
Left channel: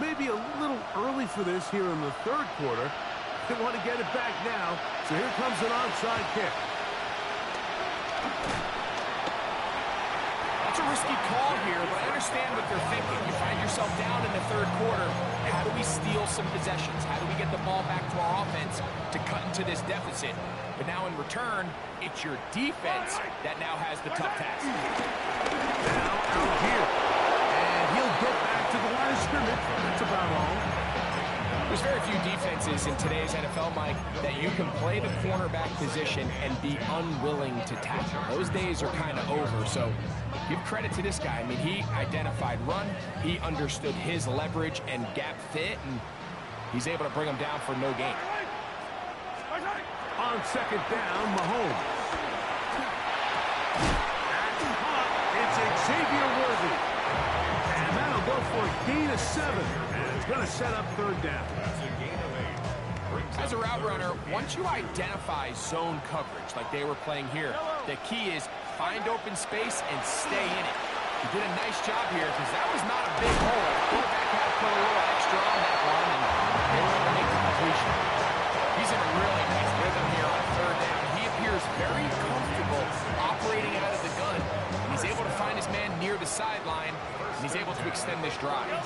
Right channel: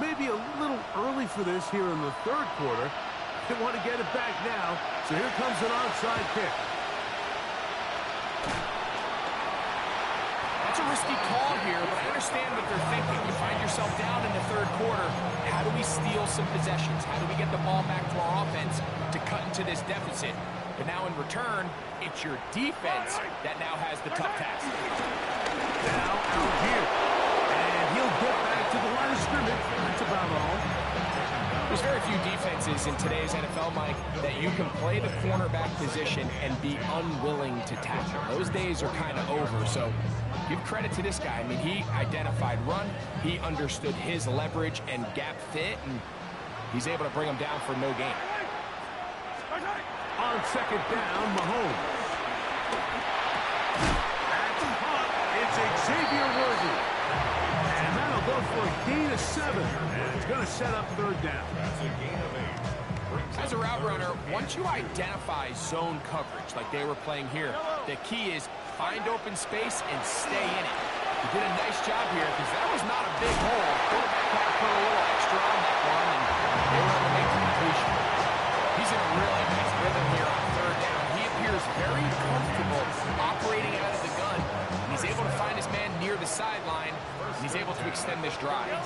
Maybe a little early for this here in the third quarter. They want to get it back now, so here comes an onside kick. That's a risky call here, but I understand what they're thinking. You find yourself down in the third quarter. How do we steal some possessions? How do we get the ball back to our offense to cut into this deficit? But now in return, it's your defense that now has the tough task. Now Algier. And he'll get back to the line of scrimmage. That's about all. There's very few defenses in today's NFL, Mike, that you can play the cornerback position and be unwilling to tackle. Those days are kind of over, so give credit to this guy. I mean, he identified run, he understood his leverage and gap fit, and he's able to bring him down for no gain. On second down, Mahomes. That's caught. It's Xavier Worthy. And that'll go for a gain of 7. And it's going to set up third down. That's a gain of 8. As a route runner, once you identify zone coverage like they were playing here, the key is find open space and stay in it. He did a nice job here because that was not a big hole. Quarterback had to put a little extra on that one, and they were able to make the completion. He's in a really nice rhythm here on third down. He appears very comfortable operating out of the gun. And he's able to find his man near the sideline, and he's able to extend this drive. They'll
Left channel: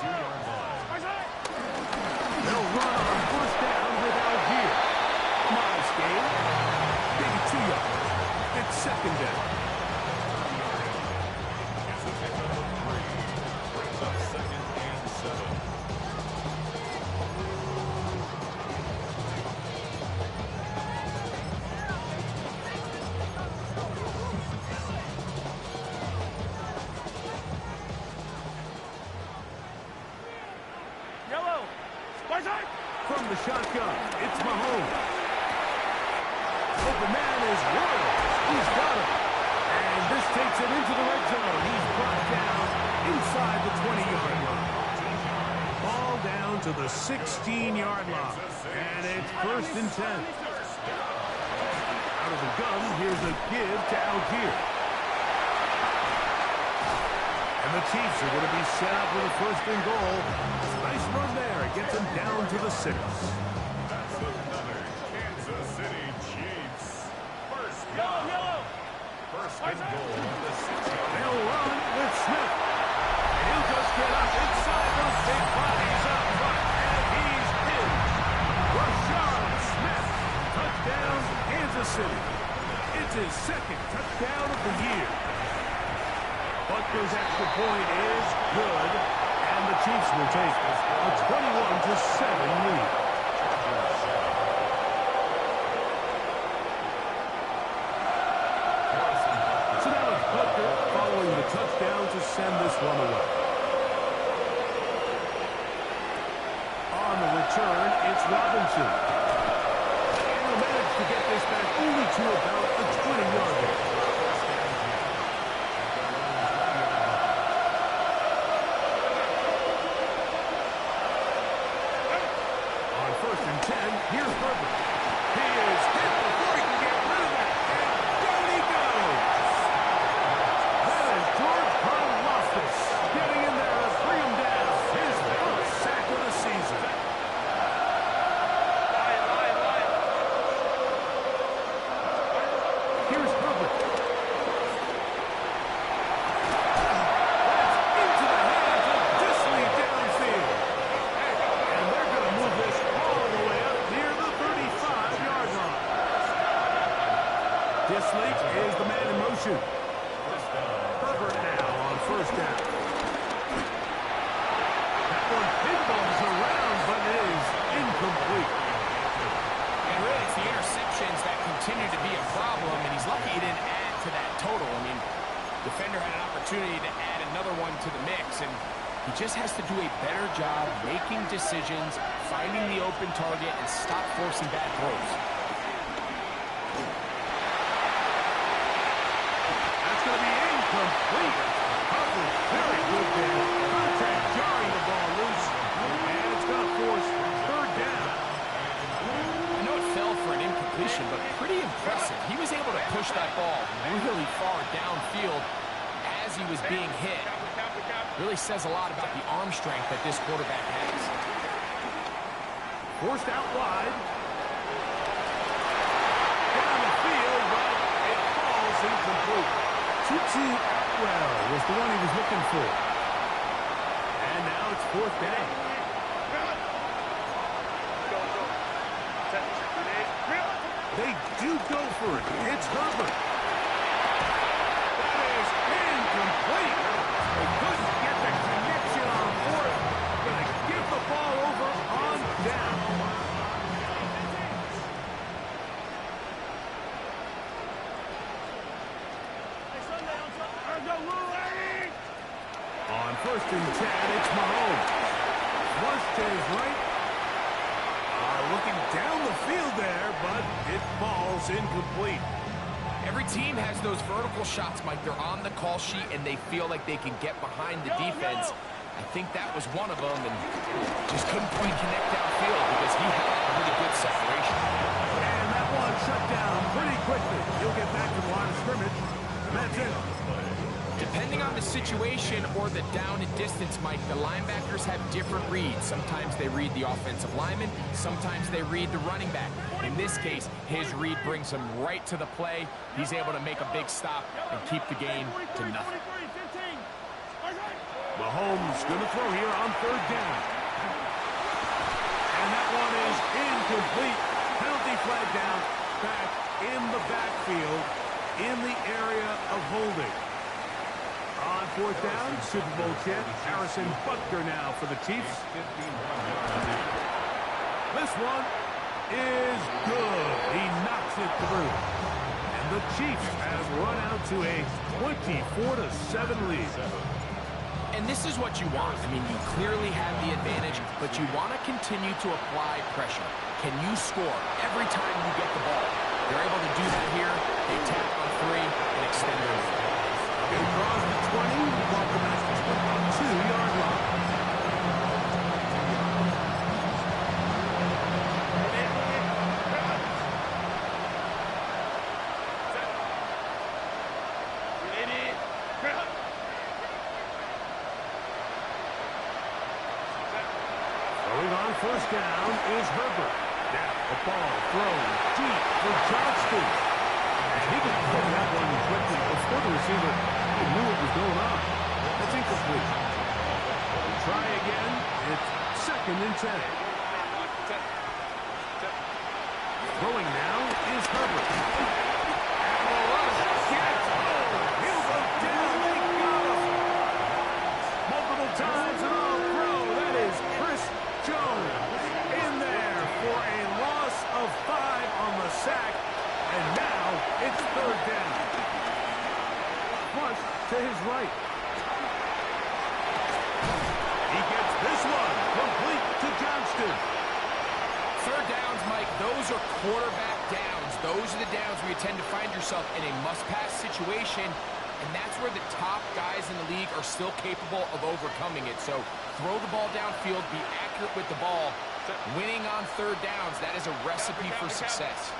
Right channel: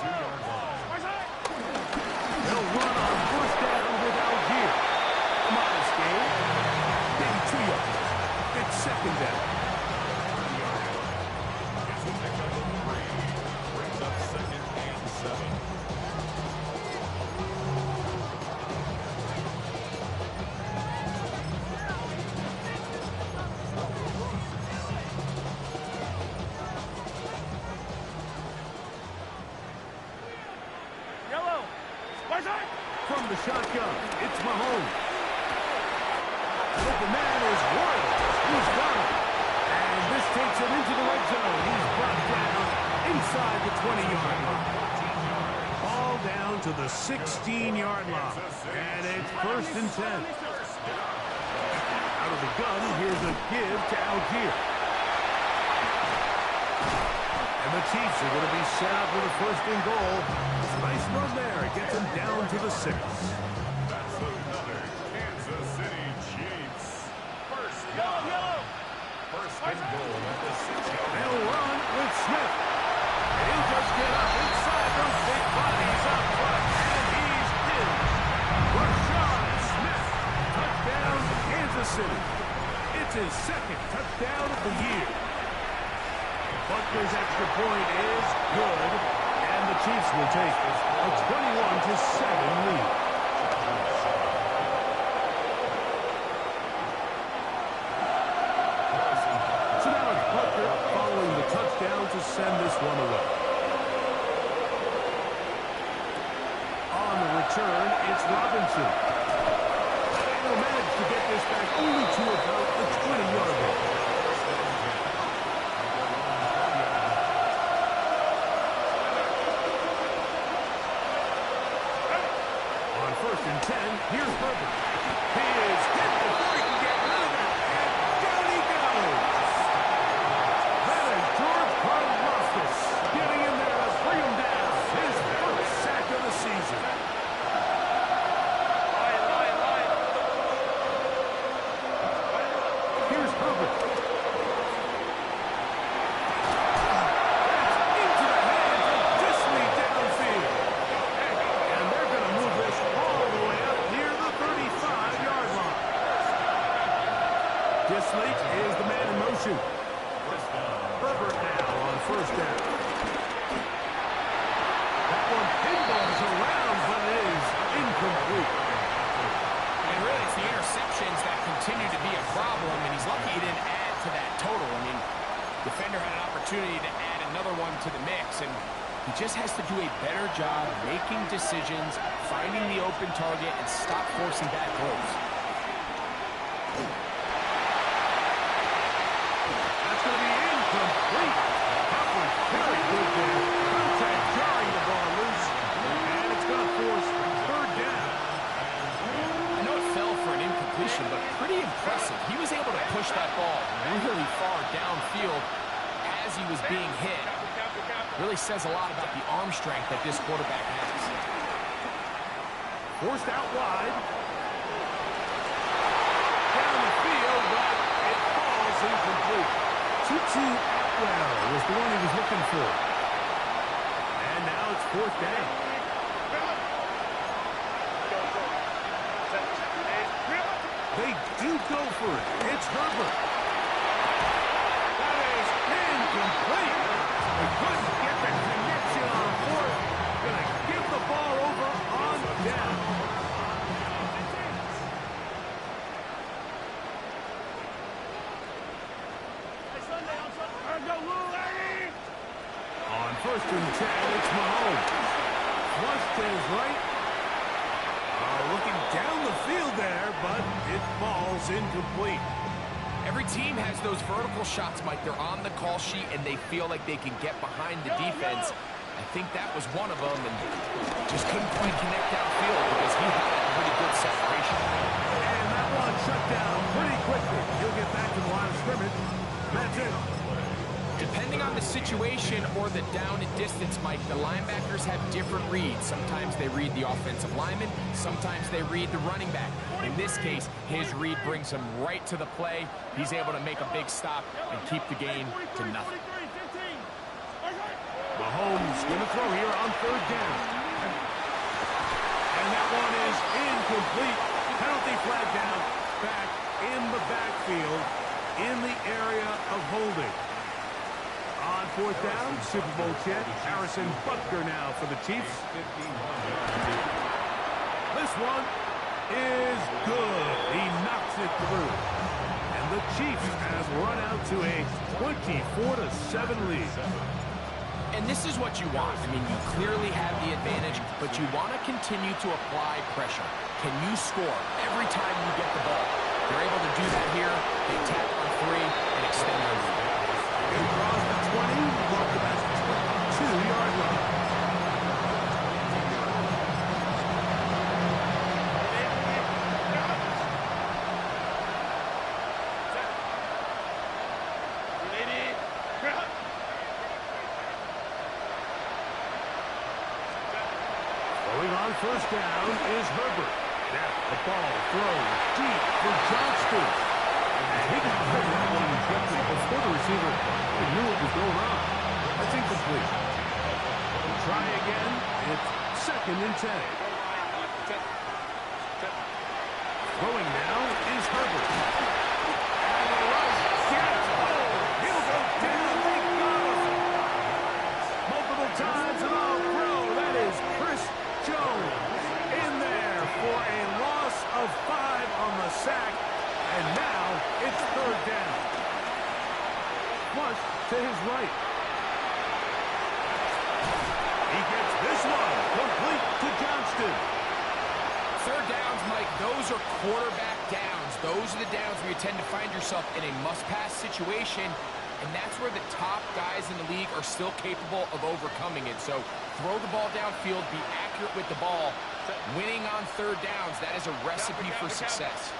run on first down with Algier. A modest gain. Maybe 2 yards. It's second down. It's a pickup of 3. Brings up second and 7. From the shotgun, it's Mahomes. Open man is Royal. He's got him. And this takes it into the red zone. He's brought down inside the 20-yard line. Ball down to the 16-yard line. And it's first and 10. Out of the gun, here's a give to Algier. And the Chiefs are going to be set up with a first and goal. It's a nice run there. It gets them down to the 6. That's another Kansas City Chiefs. First and goal at the 6-yard line. They'll run with Smith. And he'll just get up inside those big bodies up front. And he's in. Rashad Smith. Touchdown to Kansas City. It's his second touchdown of the year. Butker's extra point is good, and the Chiefs will take a 21-7 lead. So now it's Butker following the touchdown to send this one away. On the return, it's Robinson. And he'll manage to get this back only to about the 20-yard line. First and 10, here's Herbert. He is hit before he can get rid of it, and down he goes. That is George Karlaftis getting in there to bring him down. His first sack of the season. Here's Herbert. That's into the hands of Disley downfield. And they're going to move this all the way up near the 35-yard line. Disley is the man in motion. Herbert now on first down. That one pinballs around, but it is incomplete. And really, it's the interceptions that continue to be a problem, and he's lucky he didn't add to that total. I mean, defender had an opportunity to add another one to the mix, and he just has to do a better job making decisions, finding the open target, and stop forcing bad throws. That's going to be incomplete. Coverage very good there. Contact jarring the ball loose, and it's going to force third down. I know it fell for an incompletion, but pretty impressive. He was able to push that ball really far downfield as he was being hit. Really says a lot about the arm strength that this quarterback has. Forced out wide. Down the field, but it falls incomplete. Tutu Atwell was the one he was looking for. And now it's fourth down. They do go for it. It's Herbert. That is incomplete. They couldn't get the connection on fourth. Going to give the ball over on down. On first and 10, it's Mahomes. Flush to his right. Looking down the field there, but it falls incomplete. Every team has those vertical shots, Mike. They're on the call sheet, and they feel like they can get behind the defense. I think that was one of them, and just couldn't quite connect downfield because he had pretty good separation. And that one shut down pretty quickly. He'll get back to the line of scrimmage. That's it. Depending on the situation or the down and distance, Mike, the linebackers have different reads. Sometimes they read the offensive lineman. Sometimes they read the running back. In this case, his read brings him right to the play. He's able to make a big stop and keep the game to nothing. Mahomes going to throw here on third down. And that one is incomplete. Penalty flag down, back in the backfield, in the area of holding. On fourth down, Super Bowl champ Harrison Butker now for the Chiefs. This one is good. He knocks it through. And the Chiefs have run out to a 24-7 lead. And this is what you want. I mean, you clearly have the advantage, but you want to continue to apply pressure. Can you score every time you get the ball? They're able to do that here. They tack on three and extend their lead. It draws the 20. Mark the basket split on 2-yard line. Throwing on first down is Herbert. Now the ball thrown deep for Johnston. And he got rid of that one quickly before the receiver even knew what was going on. That's incomplete. We'll try again. It's second and 10. Throwing now is Herbert. And the rush gets he'll go down. They got him. Multiple times and all throw. That is Chris Jones in there for a loss of 5 on the sack. And now it's third down. Flush to his right. He gets this one complete to Johnston. Third downs, Mike, those are quarterback downs. Those are the downs where you tend to find yourself in a must-pass situation, and that's where the top guys in the league are still capable of overcoming it. So throw the ball downfield, be accurate with the ball. Winning on third downs, that is a recipe for success.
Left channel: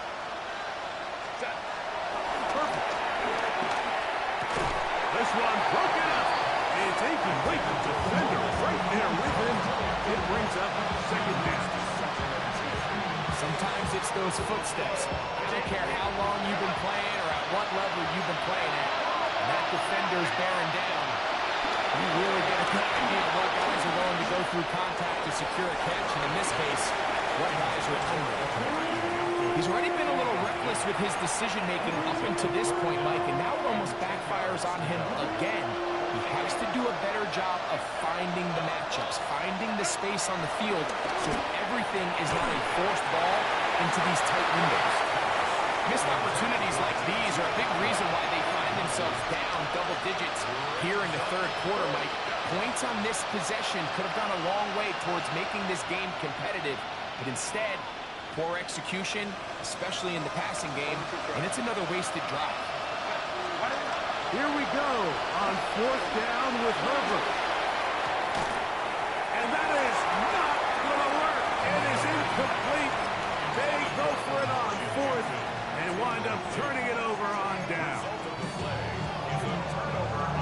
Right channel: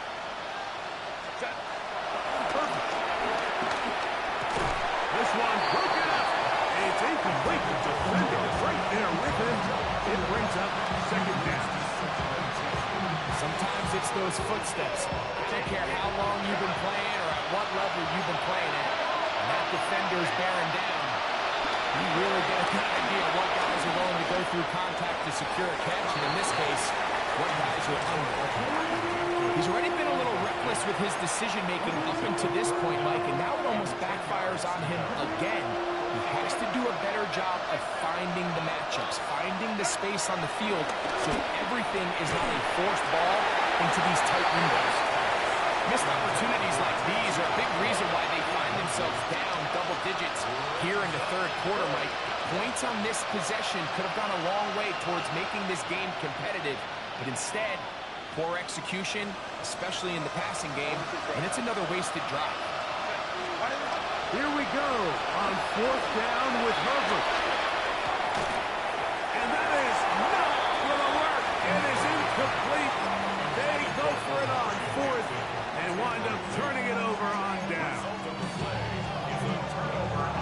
Perfect. This one broken up. It's incomplete. The defender right there with him. It brings up second down. Sometimes it's those footsteps. I don't care how long you've been playing or at what level you've been playing at. And that defender's bearing down. You really get a good idea of what guys are willing to go through contact to secure a catch. And in this case, what guys are under. He's already been a little reckless with his decision-making up until this point, Mike, and now it almost backfires on him again. He has to do a better job of finding the matchups, finding the space on the field so everything is not a forced ball, but into these tight windows. Missed opportunities like these are a big reason why they find themselves down double digits here in the third quarter, Mike. Points on this possession could have gone a long way towards making this game competitive, but instead, poor execution, especially in the passing game, and it's another wasted drive. Here we go on fourth down with Herbert. And that is not going to work. It is incomplete. They go for it on fourth and wind up turning it over on down.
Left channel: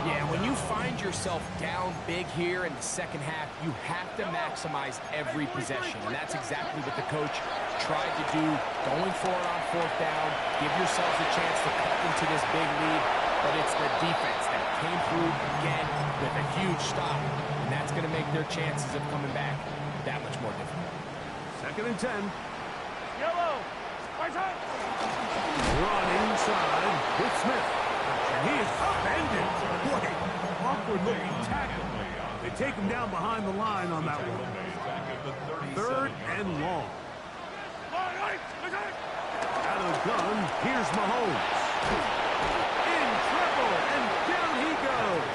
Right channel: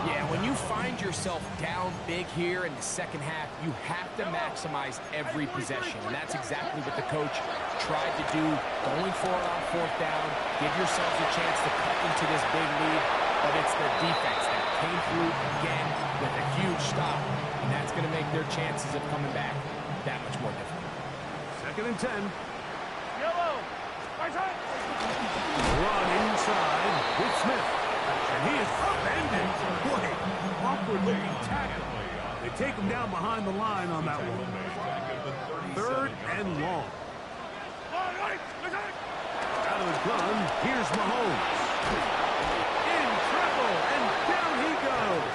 Yeah, when you find yourself down big here in the second half, you have to maximize every possession. And that's exactly what the coach tried to do, going for it on fourth down, give yourselves a chance to cut into this big lead. But it's the defense that came through again with a huge stop. And that's going to make their chances of coming back that much more difficult. 2nd and 10. Yellow. Right side. Run inside with Smith. And he is upended. Boy, awkward-looking tackle. They take him down behind the line on that one. 3rd and long. Out of the gun, here's Mahomes. In trouble, and down he goes.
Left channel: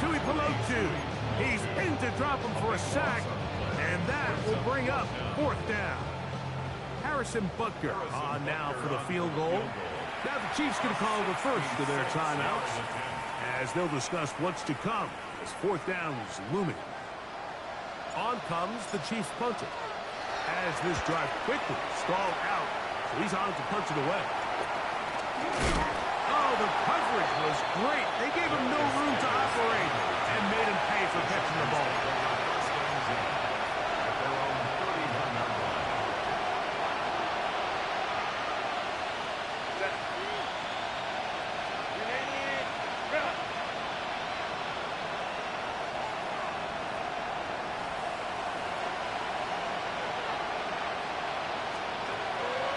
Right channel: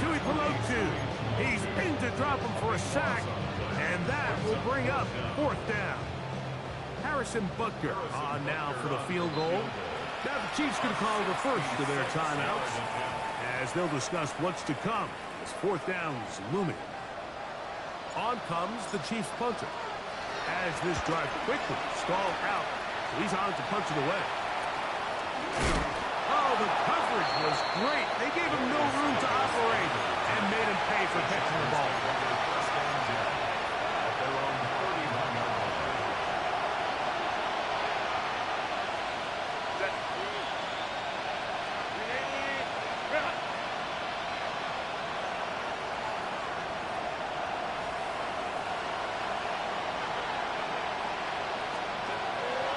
Tuipulotu. He's in to drop him for a sack, and that will bring up 4th down. Harrison Butker on now for the field goal. Now the Chiefs going to call the first of their timeouts as they'll discuss what's to come as 4th down is looming. On comes the Chiefs punter as this drive quickly stalled out, so he's on to punch it away. Oh, the coverage was great. They gave him no room to operate and made him pay for catching the ball. At their own 31-yard line.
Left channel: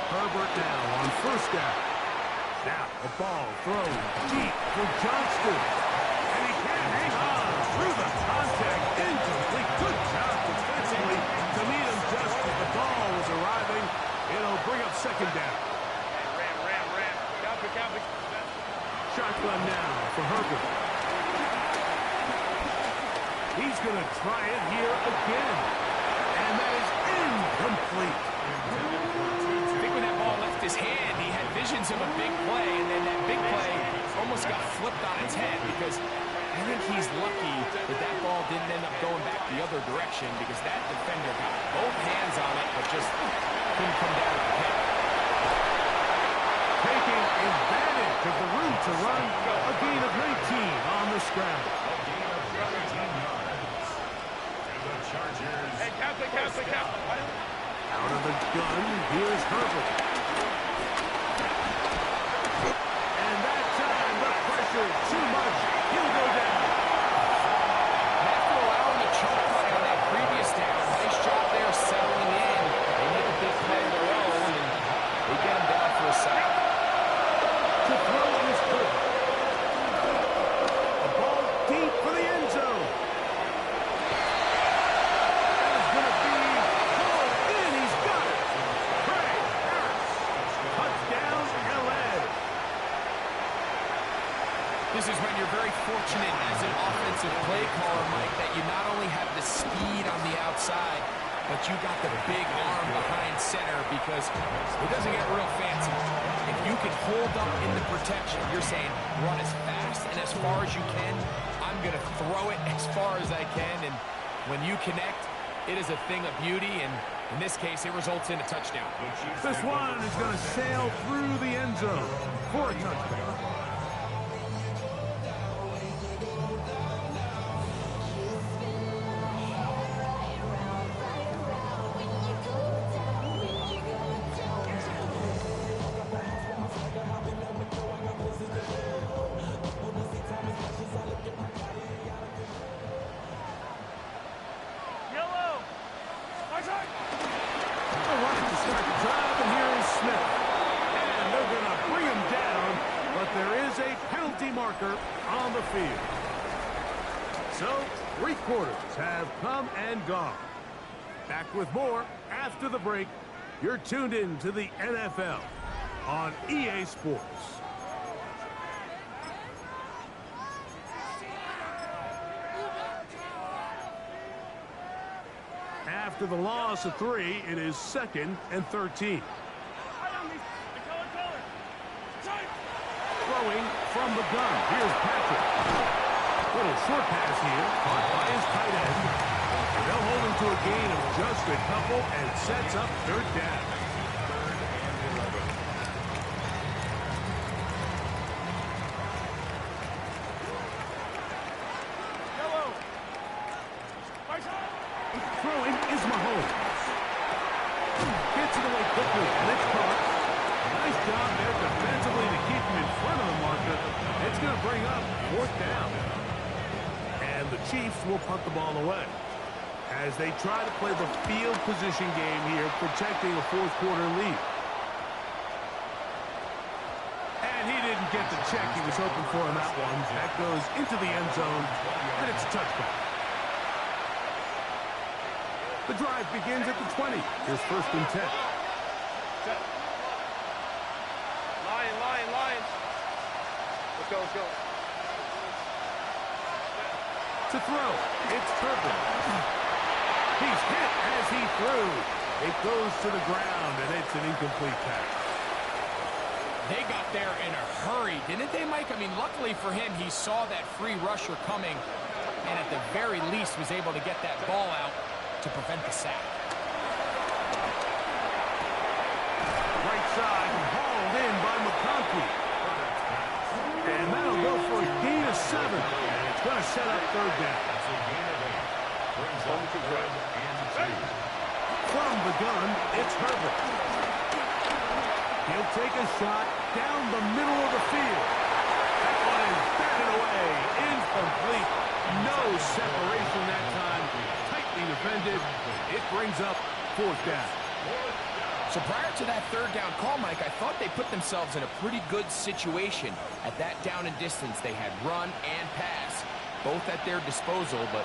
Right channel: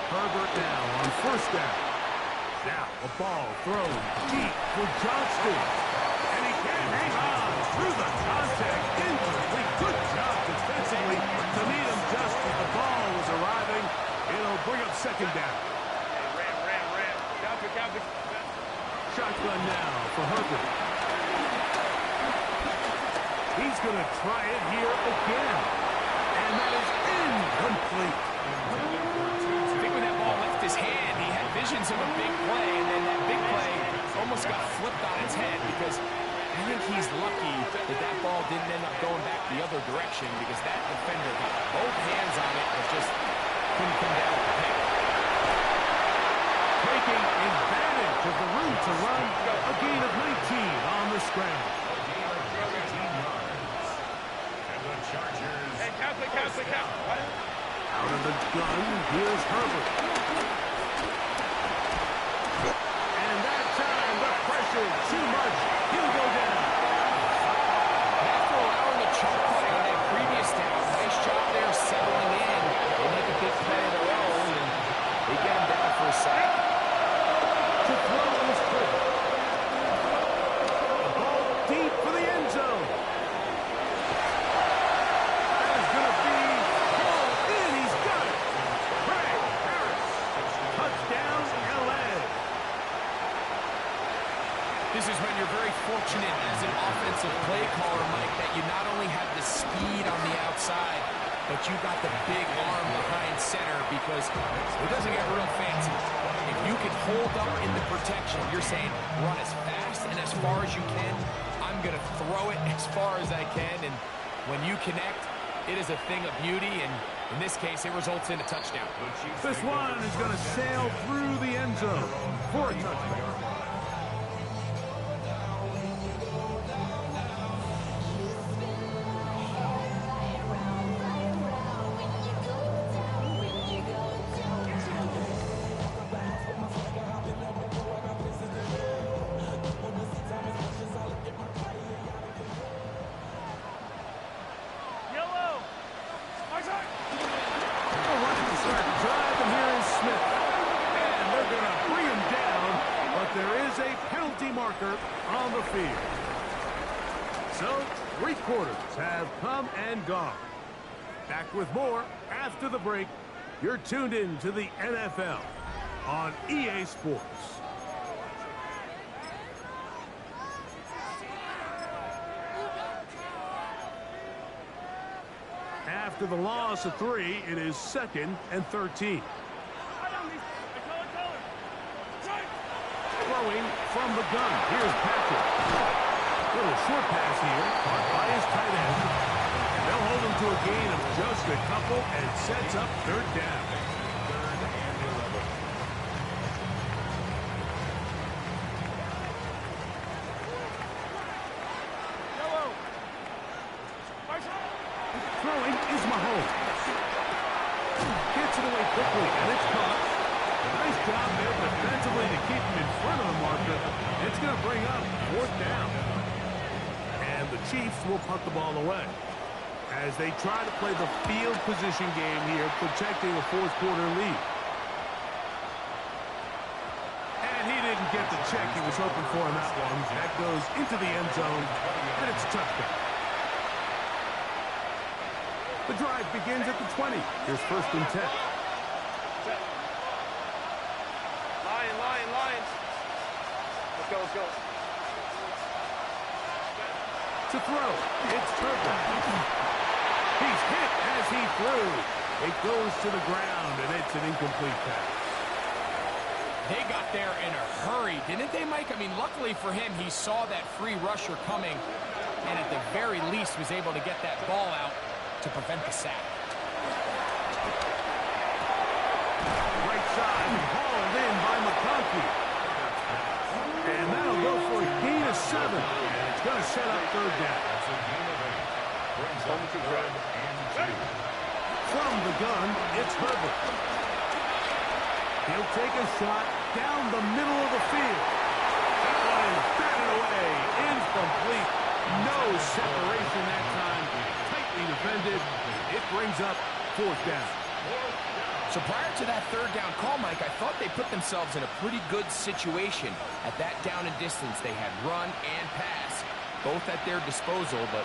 Herbert now on 1st down. Now a ball thrown deep for Johnston. And he can't hang on through the contact. Incomplete. Good job defensively to meet him just as the ball was arriving. It'll bring up 2nd down. Ram. Copy. Shotgun now for Herbert. He's going to try it here again. And that is incomplete. I think when that ball left his hand, he had visions of a big play, and then that big play almost got flipped on its head because I think he's lucky that that ball didn't end up going back the other direction because that defender got both hands on it but just couldn't come down with the hit. Taking advantage of the room to run, a gain of 19 on the scramble. A gain of 13 yards. And the Chargers. Hey, count. Out of the gun, here's Herbert. And that time, the pressure too much. He'll go down. After allowing a chunk play on that previous down, nice job there settling in. They make a big play of their own, and they get him down for a sack. To throw is Herbert. A ball deep for the end zone. That is going to be pulled in. He's got it. Trey Harris. Touchdown, LA. This is when you're very fortunate as an offensive play caller, Mike, that you not only have the speed on the outside, but you got the big arm behind center because it doesn't get real fancy. If you can hold up in the protection, you're saying run as fast and as far as you can. I'm going to throw it as far as I can, and when you connect, it is a thing of beauty, and in this case, it results in a touchdown. This one is going to sail through the end zone for a touchdown. Marker on the field. So, 3 quarters have come and gone. Back with more after the break. You're tuned in to the NFL on EA Sports. After the loss of 3, it is 2nd and 13. Throwing from the gun. Here's Patrick. Little short pass here, caught by his tight end. And they'll hold him to a gain of just a couple and sets up 3rd down. 3rd and 11. Throwing is Mahomes. Gets it away quickly, and it's caught. A nice job there defensively to keep him in front of the marker. It's going to bring up 4th down. And the Chiefs will punt the ball away as they try to play the field position game here, protecting a 4th quarter lead. And he didn't get the check he was hoping for in that one. That goes into the end zone, and it's a touchdown. The drive begins at the 20. Here's 1st and 10. Set. Lions. Let's go. To throw, it's Herbert. He's hit as he threw. It goes to the ground, and it's an incomplete pass. They got there in a hurry, didn't they, Mike? I mean, luckily for him, he saw that free rusher coming, and at the very least was able to get that ball out to prevent the sack. Right side, hauled in by McConkey. And that'll go for a gain of 7. And it's going to set up 3rd down. That's a gain of 8. Brings up 3rd and 2. From the gun, it's Herbert. He'll take a shot down the middle of the field. That one is batted away. Incomplete. No separation that time. Tightly defended. It brings up 4th down. So prior to that 3rd down call, Mike, I thought they put themselves in a pretty good situation. At that down and distance, they had run and pass, both at their disposal, but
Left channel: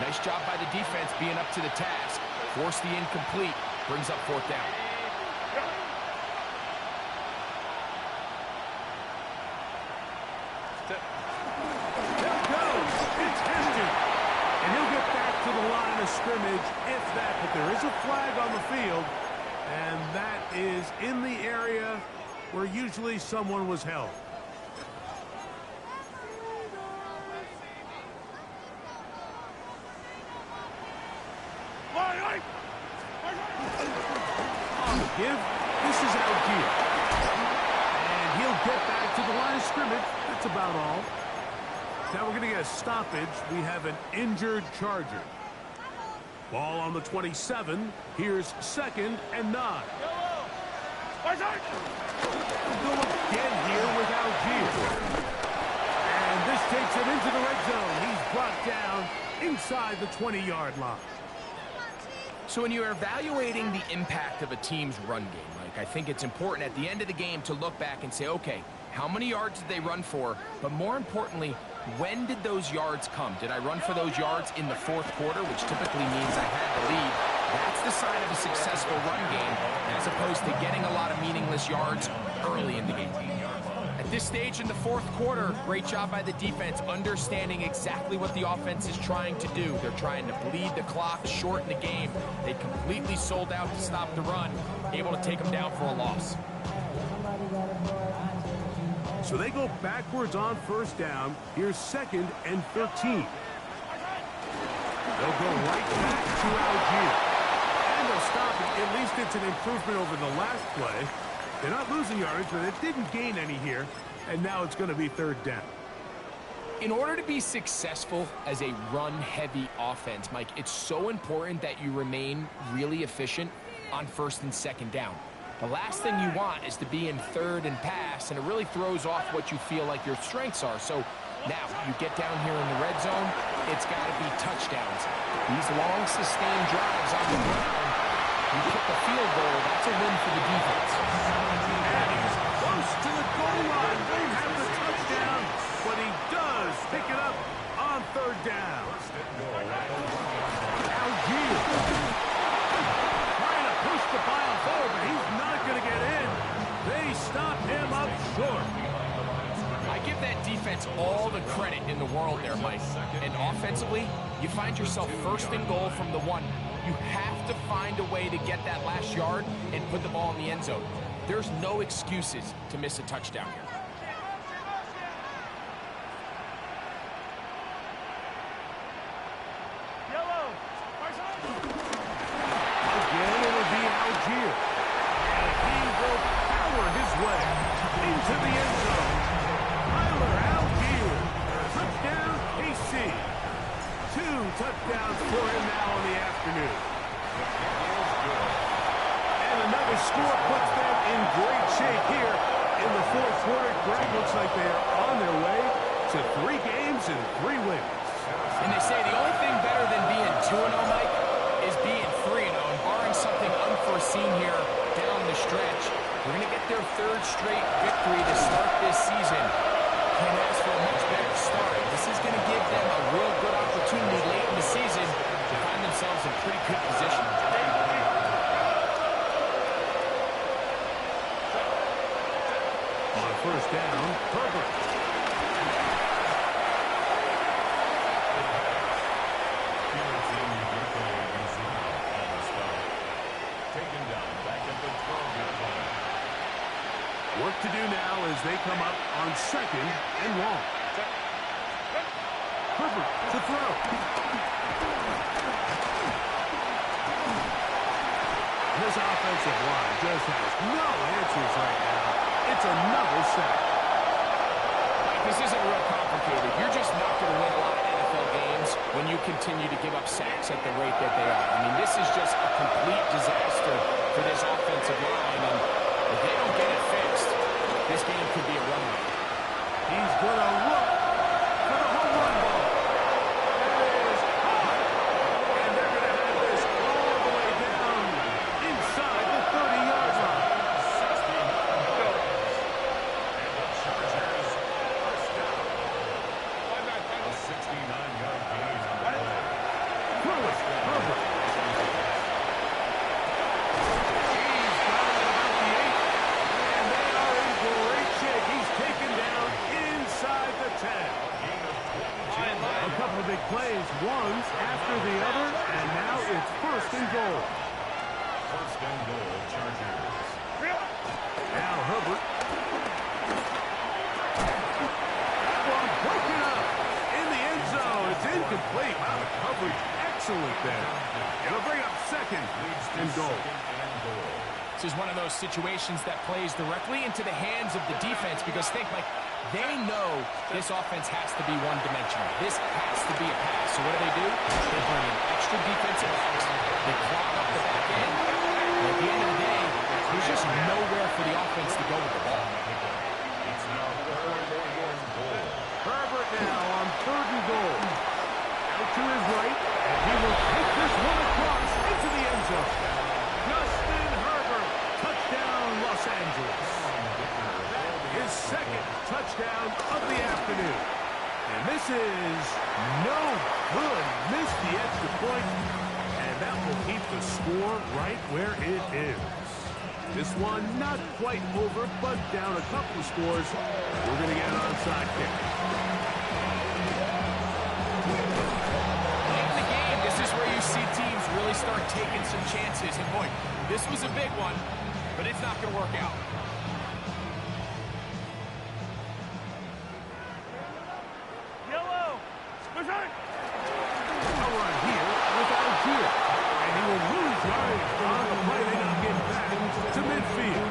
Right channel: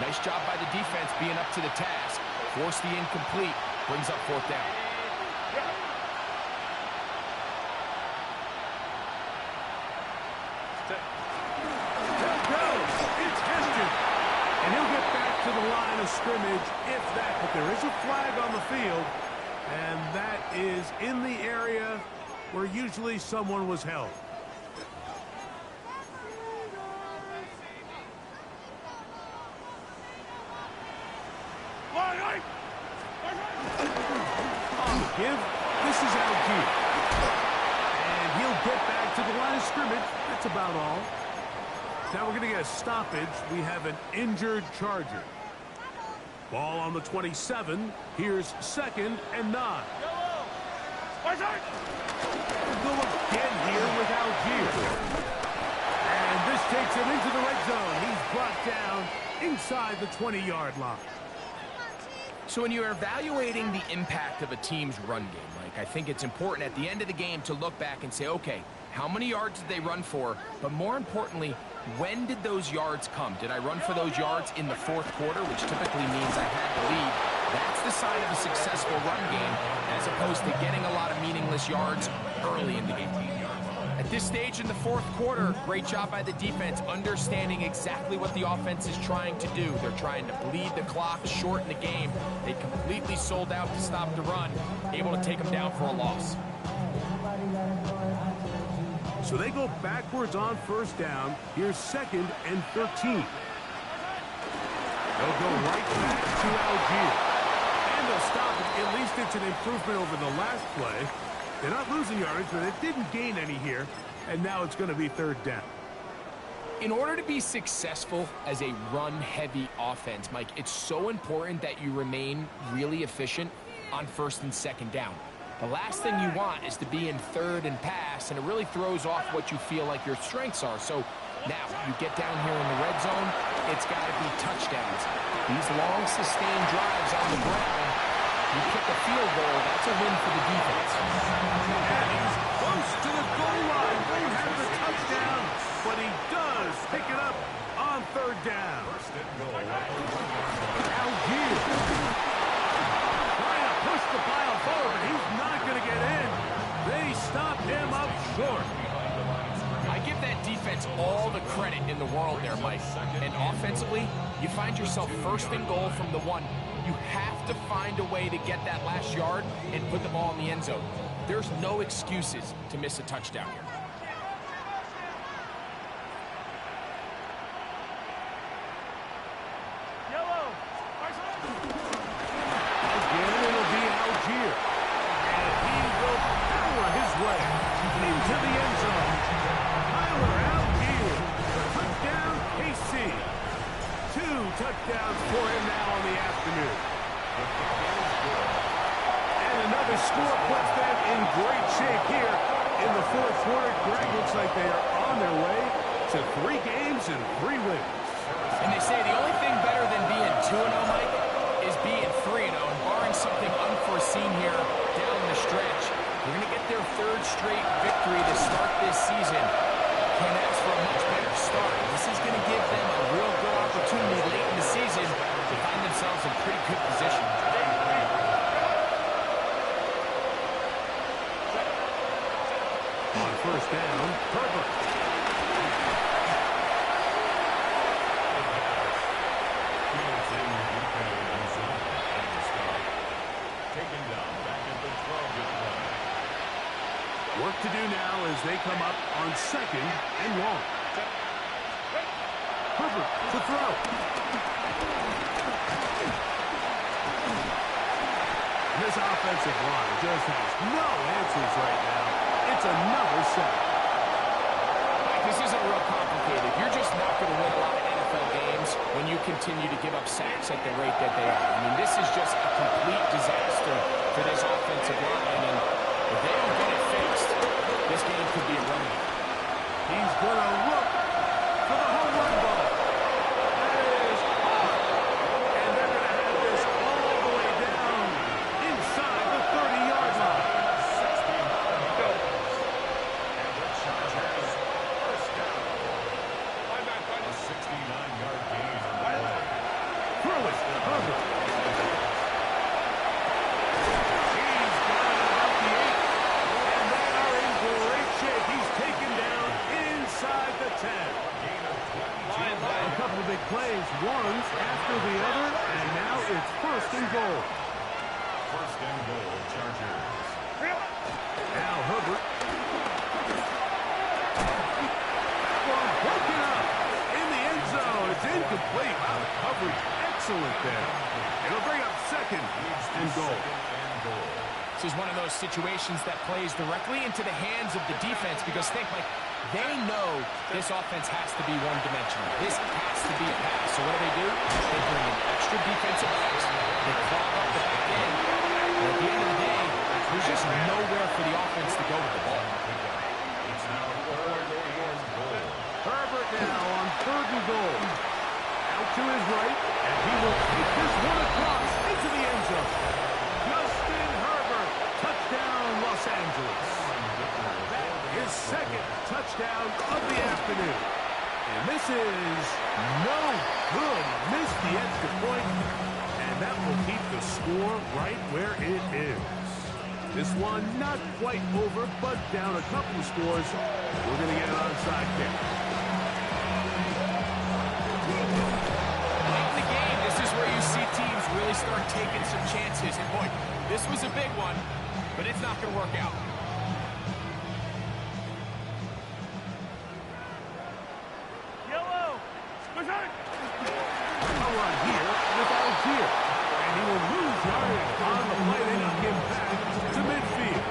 nice job by the defense being up to the task. Force the incomplete, brings up 4th down. There goes. It's Heston. And he'll get back to the line of scrimmage, if that, but there is a flag on the field. And that is in the area where usually someone was held. On the give, this is Algier. And he'll get back to the line of scrimmage. That's about all. Now we're going to get a stoppage. We have an injured Charger. Ball on the 27. Here's 2nd and 9. Go again here with Algier. And this takes him into the red zone. He's brought down inside the 20-yard line. So when you're evaluating the impact of a team's run game, Mike, I think it's important at the end of the game to look back and say, okay, how many yards did they run for? But more importantly, when did those yards come? Did I run for those yards in the 4th quarter, which typically means I had the lead? That's the sign of a successful run game, as opposed to getting a lot of meaningless yards early in the game. At this stage in the 4th quarter, great job by the defense, understanding exactly what the offense is trying to do. They're trying to bleed the clock, shorten the game. They completely sold out to stop the run, able to take them down for a loss. So they go backwards on 1st down. Here's 2nd and 13. They'll go right back to Algier. And they'll stop it. At least it's an improvement over the last play. They're not losing yardage, but it didn't gain any here. And now it's going to be 3rd down. In order to be successful as a run-heavy offense, Mike, it's so important that you remain really efficient on 1st and 2nd down. The last thing you want is to be in 3rd and pass, and it really throws off what you feel like your strengths are. So now you get down here in the red zone, it's got to be touchdowns. These long, sustained drives on the ground, you kick a field goal, that's a win for the defense. And he's close to the goal line. Won't have the touchdown, but he does pick it up on 3rd down. First and goal at the 1-yard line. Algier. push the pile forward, but he's not going to get in. They stop him up short. I give that defense all the credit in the world there, Mike. And offensively, you find yourself first and goal from the 1. You have to find a way to get that last yard and put the ball in the end zone. There's no excuses to miss a touchdown here. Again, it'll be Algier. And he will power his way into the end zone. Tyler Algier, touchdown KC. 2 touchdowns for him now on the afternoon. And another score puts them in great shape here in the fourth quarter. Greg, looks like they are on their way to 3 games and 3 wins. And they say the only thing better than being 2-0, Mike, is being 3-0. And barring something unforeseen here down the stretch, we're going to get their 3rd straight victory to start this season. Can't ask for a much better start. This is going to give them a real good opportunity late in the season to find themselves in pretty good position. On first down, Herbert. Taken down back at the 12-yard line. Work to do now as they come up on 2nd and long. Herbert to throw. This offensive line just has no answers right now. It's another sack. Mike, this isn't real complicated. You're just not going to win a lot of NFL games when you continue to give up sacks at the rate that they are. I mean, this is just a complete disaster for this offensive line, and if they don't get it fixed, this game could be a runaway. He's going to look for the home run ball. That is hard. And they're going to have this all the way down inside the 30-yard line. 69 yards. And the Chargers first down. A 69-yard gain on the play. Throw it, Herbert. He's got it about the 8. And they are in great shape. He's taken down inside the 10. A couple of big plays, one after the other, and now it's first and goal. First and goal, Chargers. Now Herbert. That one broken up in the end zone. It's incomplete. Wow, the coverage excellent there. It'll bring up 2nd and goal. This is one of those situations that plays directly into the hands of the defense because think, Mike, they know this offense has to be one-dimensional. This has to be a pass. So what do? They bring in extra defensive backs. They clog up the back end. And at the end of the day, there's just nowhere for the offense to go with the ball. It's now 3rd and goal. Herbert now on 3rd and goal. Out to his right, and he will take this one across into the end zone. Justin Herbert, touchdown Los Angeles. That is 2nd touchdown of the afternoon. And this is no good. He missed the extra point, and that will keep the score right where it is. This one not quite over, but down a couple of scores. We're going to get an onside kick. Late in the game, this is where you see teams really start taking some chances. And boy, this was a big one, but it's not going to work out. A run here with Algier. And he will lose yardage on the play. They knock him back to midfield.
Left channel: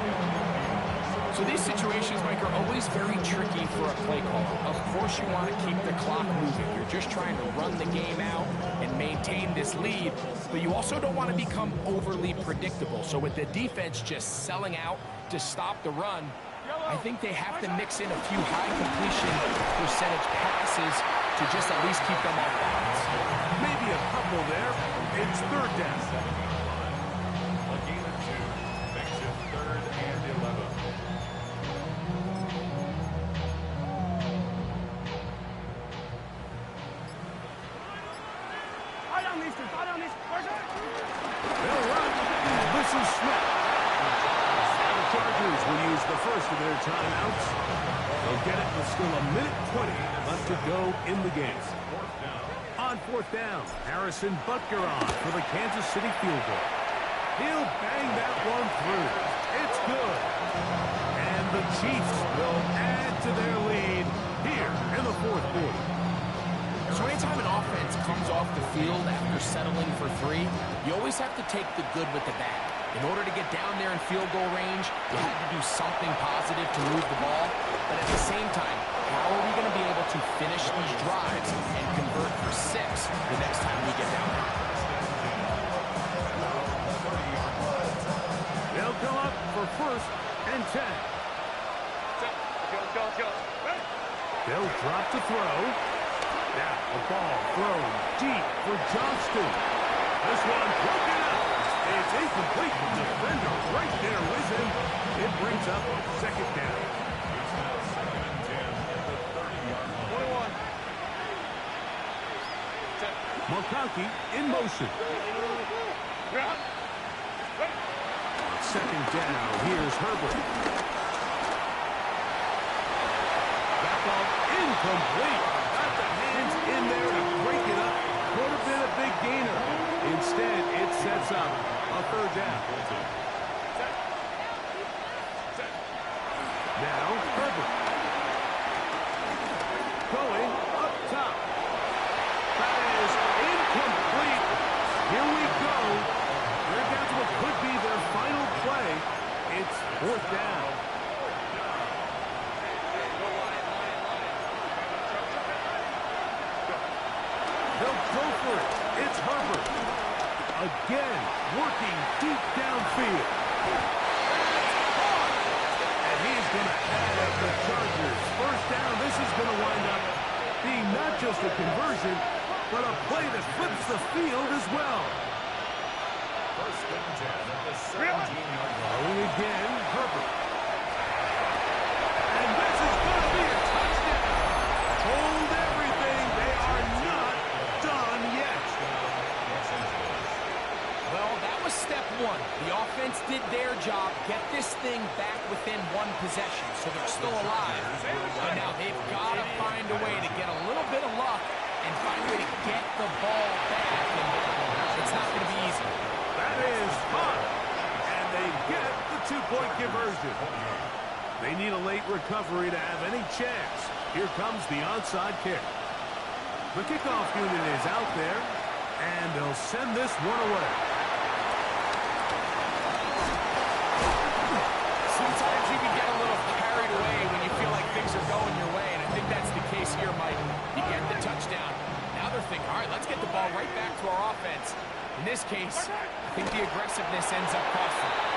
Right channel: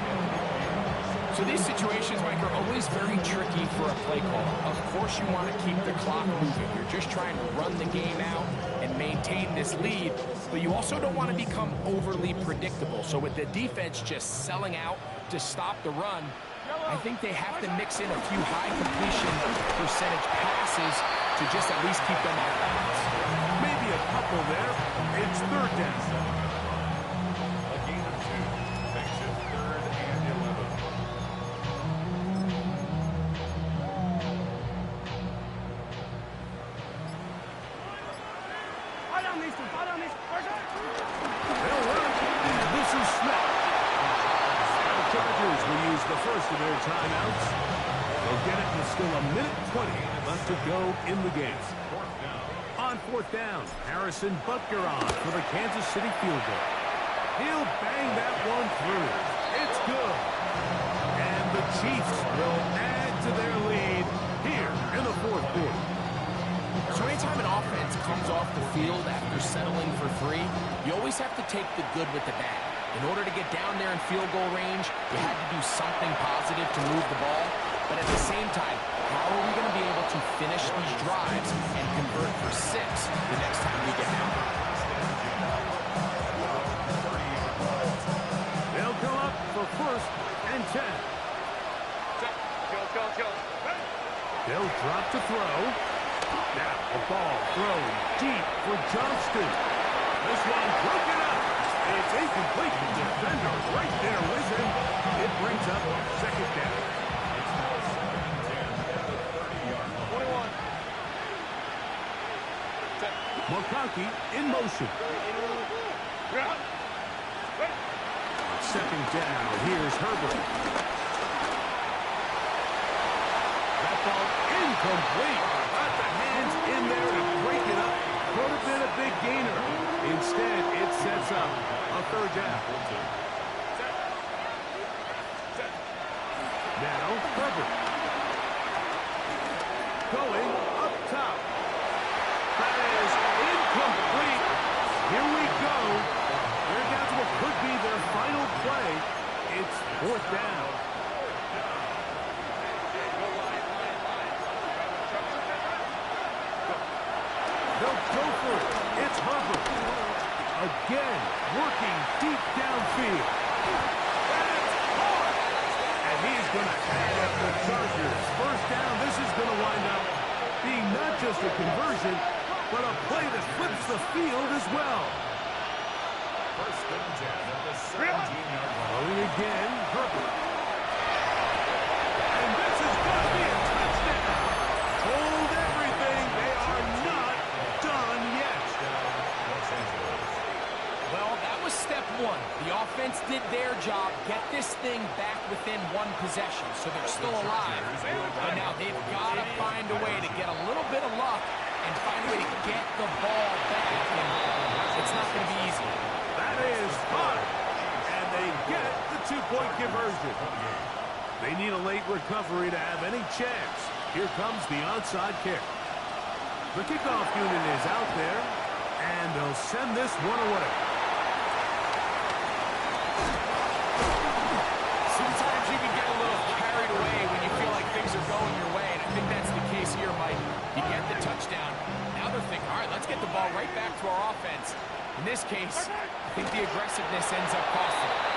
So these situations, Mike, are always very tricky for a play caller. Of course you want to keep the clock moving. You're just trying to run the game out and maintain this lead, but you also don't want to become overly predictable. So with the defense just selling out to stop the run, I think they have to mix in a few high completion percentage passes to just at least keep them off balance. Maybe a couple there. It's 3rd down. A gain of 2 makes it 3rd and 11. They'll run, and this is Smith. Now the Chargers will use the first of their timeouts. They'll get it with still 1:20 left to go in the game. On fourth down, Harrison Butker on for the Kansas City field goal. He'll bang that one through. It's good. And the Chiefs will add to their lead here in the fourth quarter. So anytime an offense comes off the field after settling for 3, you always have to take the good with the bad. In order to get down there in field goal range, you had to do something positive to move the ball. But at the same time, how are we going to be able to finish these drives and convert for 6 the next time we get down there? They'll come up for 1st and 10. Let's go. They'll drop to throw. Now a ball thrown deep for Johnston. This one broken up. It's incomplete. The defender right there with him. It brings up 2nd down. It's now 2nd and 10 at the 30-yard line. 21. McConkey in motion. On 2nd down, here's Herbert. That ball incomplete. Got the hands in there to break it up. Could have been a big gainer. Instead, it sets up a 3rd down. Now, Herbert. Going up top. That is incomplete. Here we go. They're down to what could be their final play. It's 4th down. They'll go for it. It's Herbert. Again, working deep downfield. That's caught. And he's going to have the Chargers. 1st down, this is going to wind up being not just a conversion, but a play that flips the field as well. 1st and 10 at the 17-yard line. Going again, Herbert. And this is going to be a touchdown. Hold everything. They are not done yet. Well, that was step 1. The offense did their job, get this thing back within 1 possession, so they're still alive. But now they've got to find a way to get a little bit of luck and find a way to get the ball back, and it's not going to be easy. That is fun. And they get the 2-point conversion. They need a late recovery to have any chance. Here comes the onside kick. The kickoff unit is out there, and they'll send this one away. Sometimes you can get a little carried away when you feel like things are going your way, and I think that's the case here, Mike. You get the touchdown. Now they're thinking, all right, let's get the ball right back to our offense. In this case, I think the aggressiveness ends up costing them.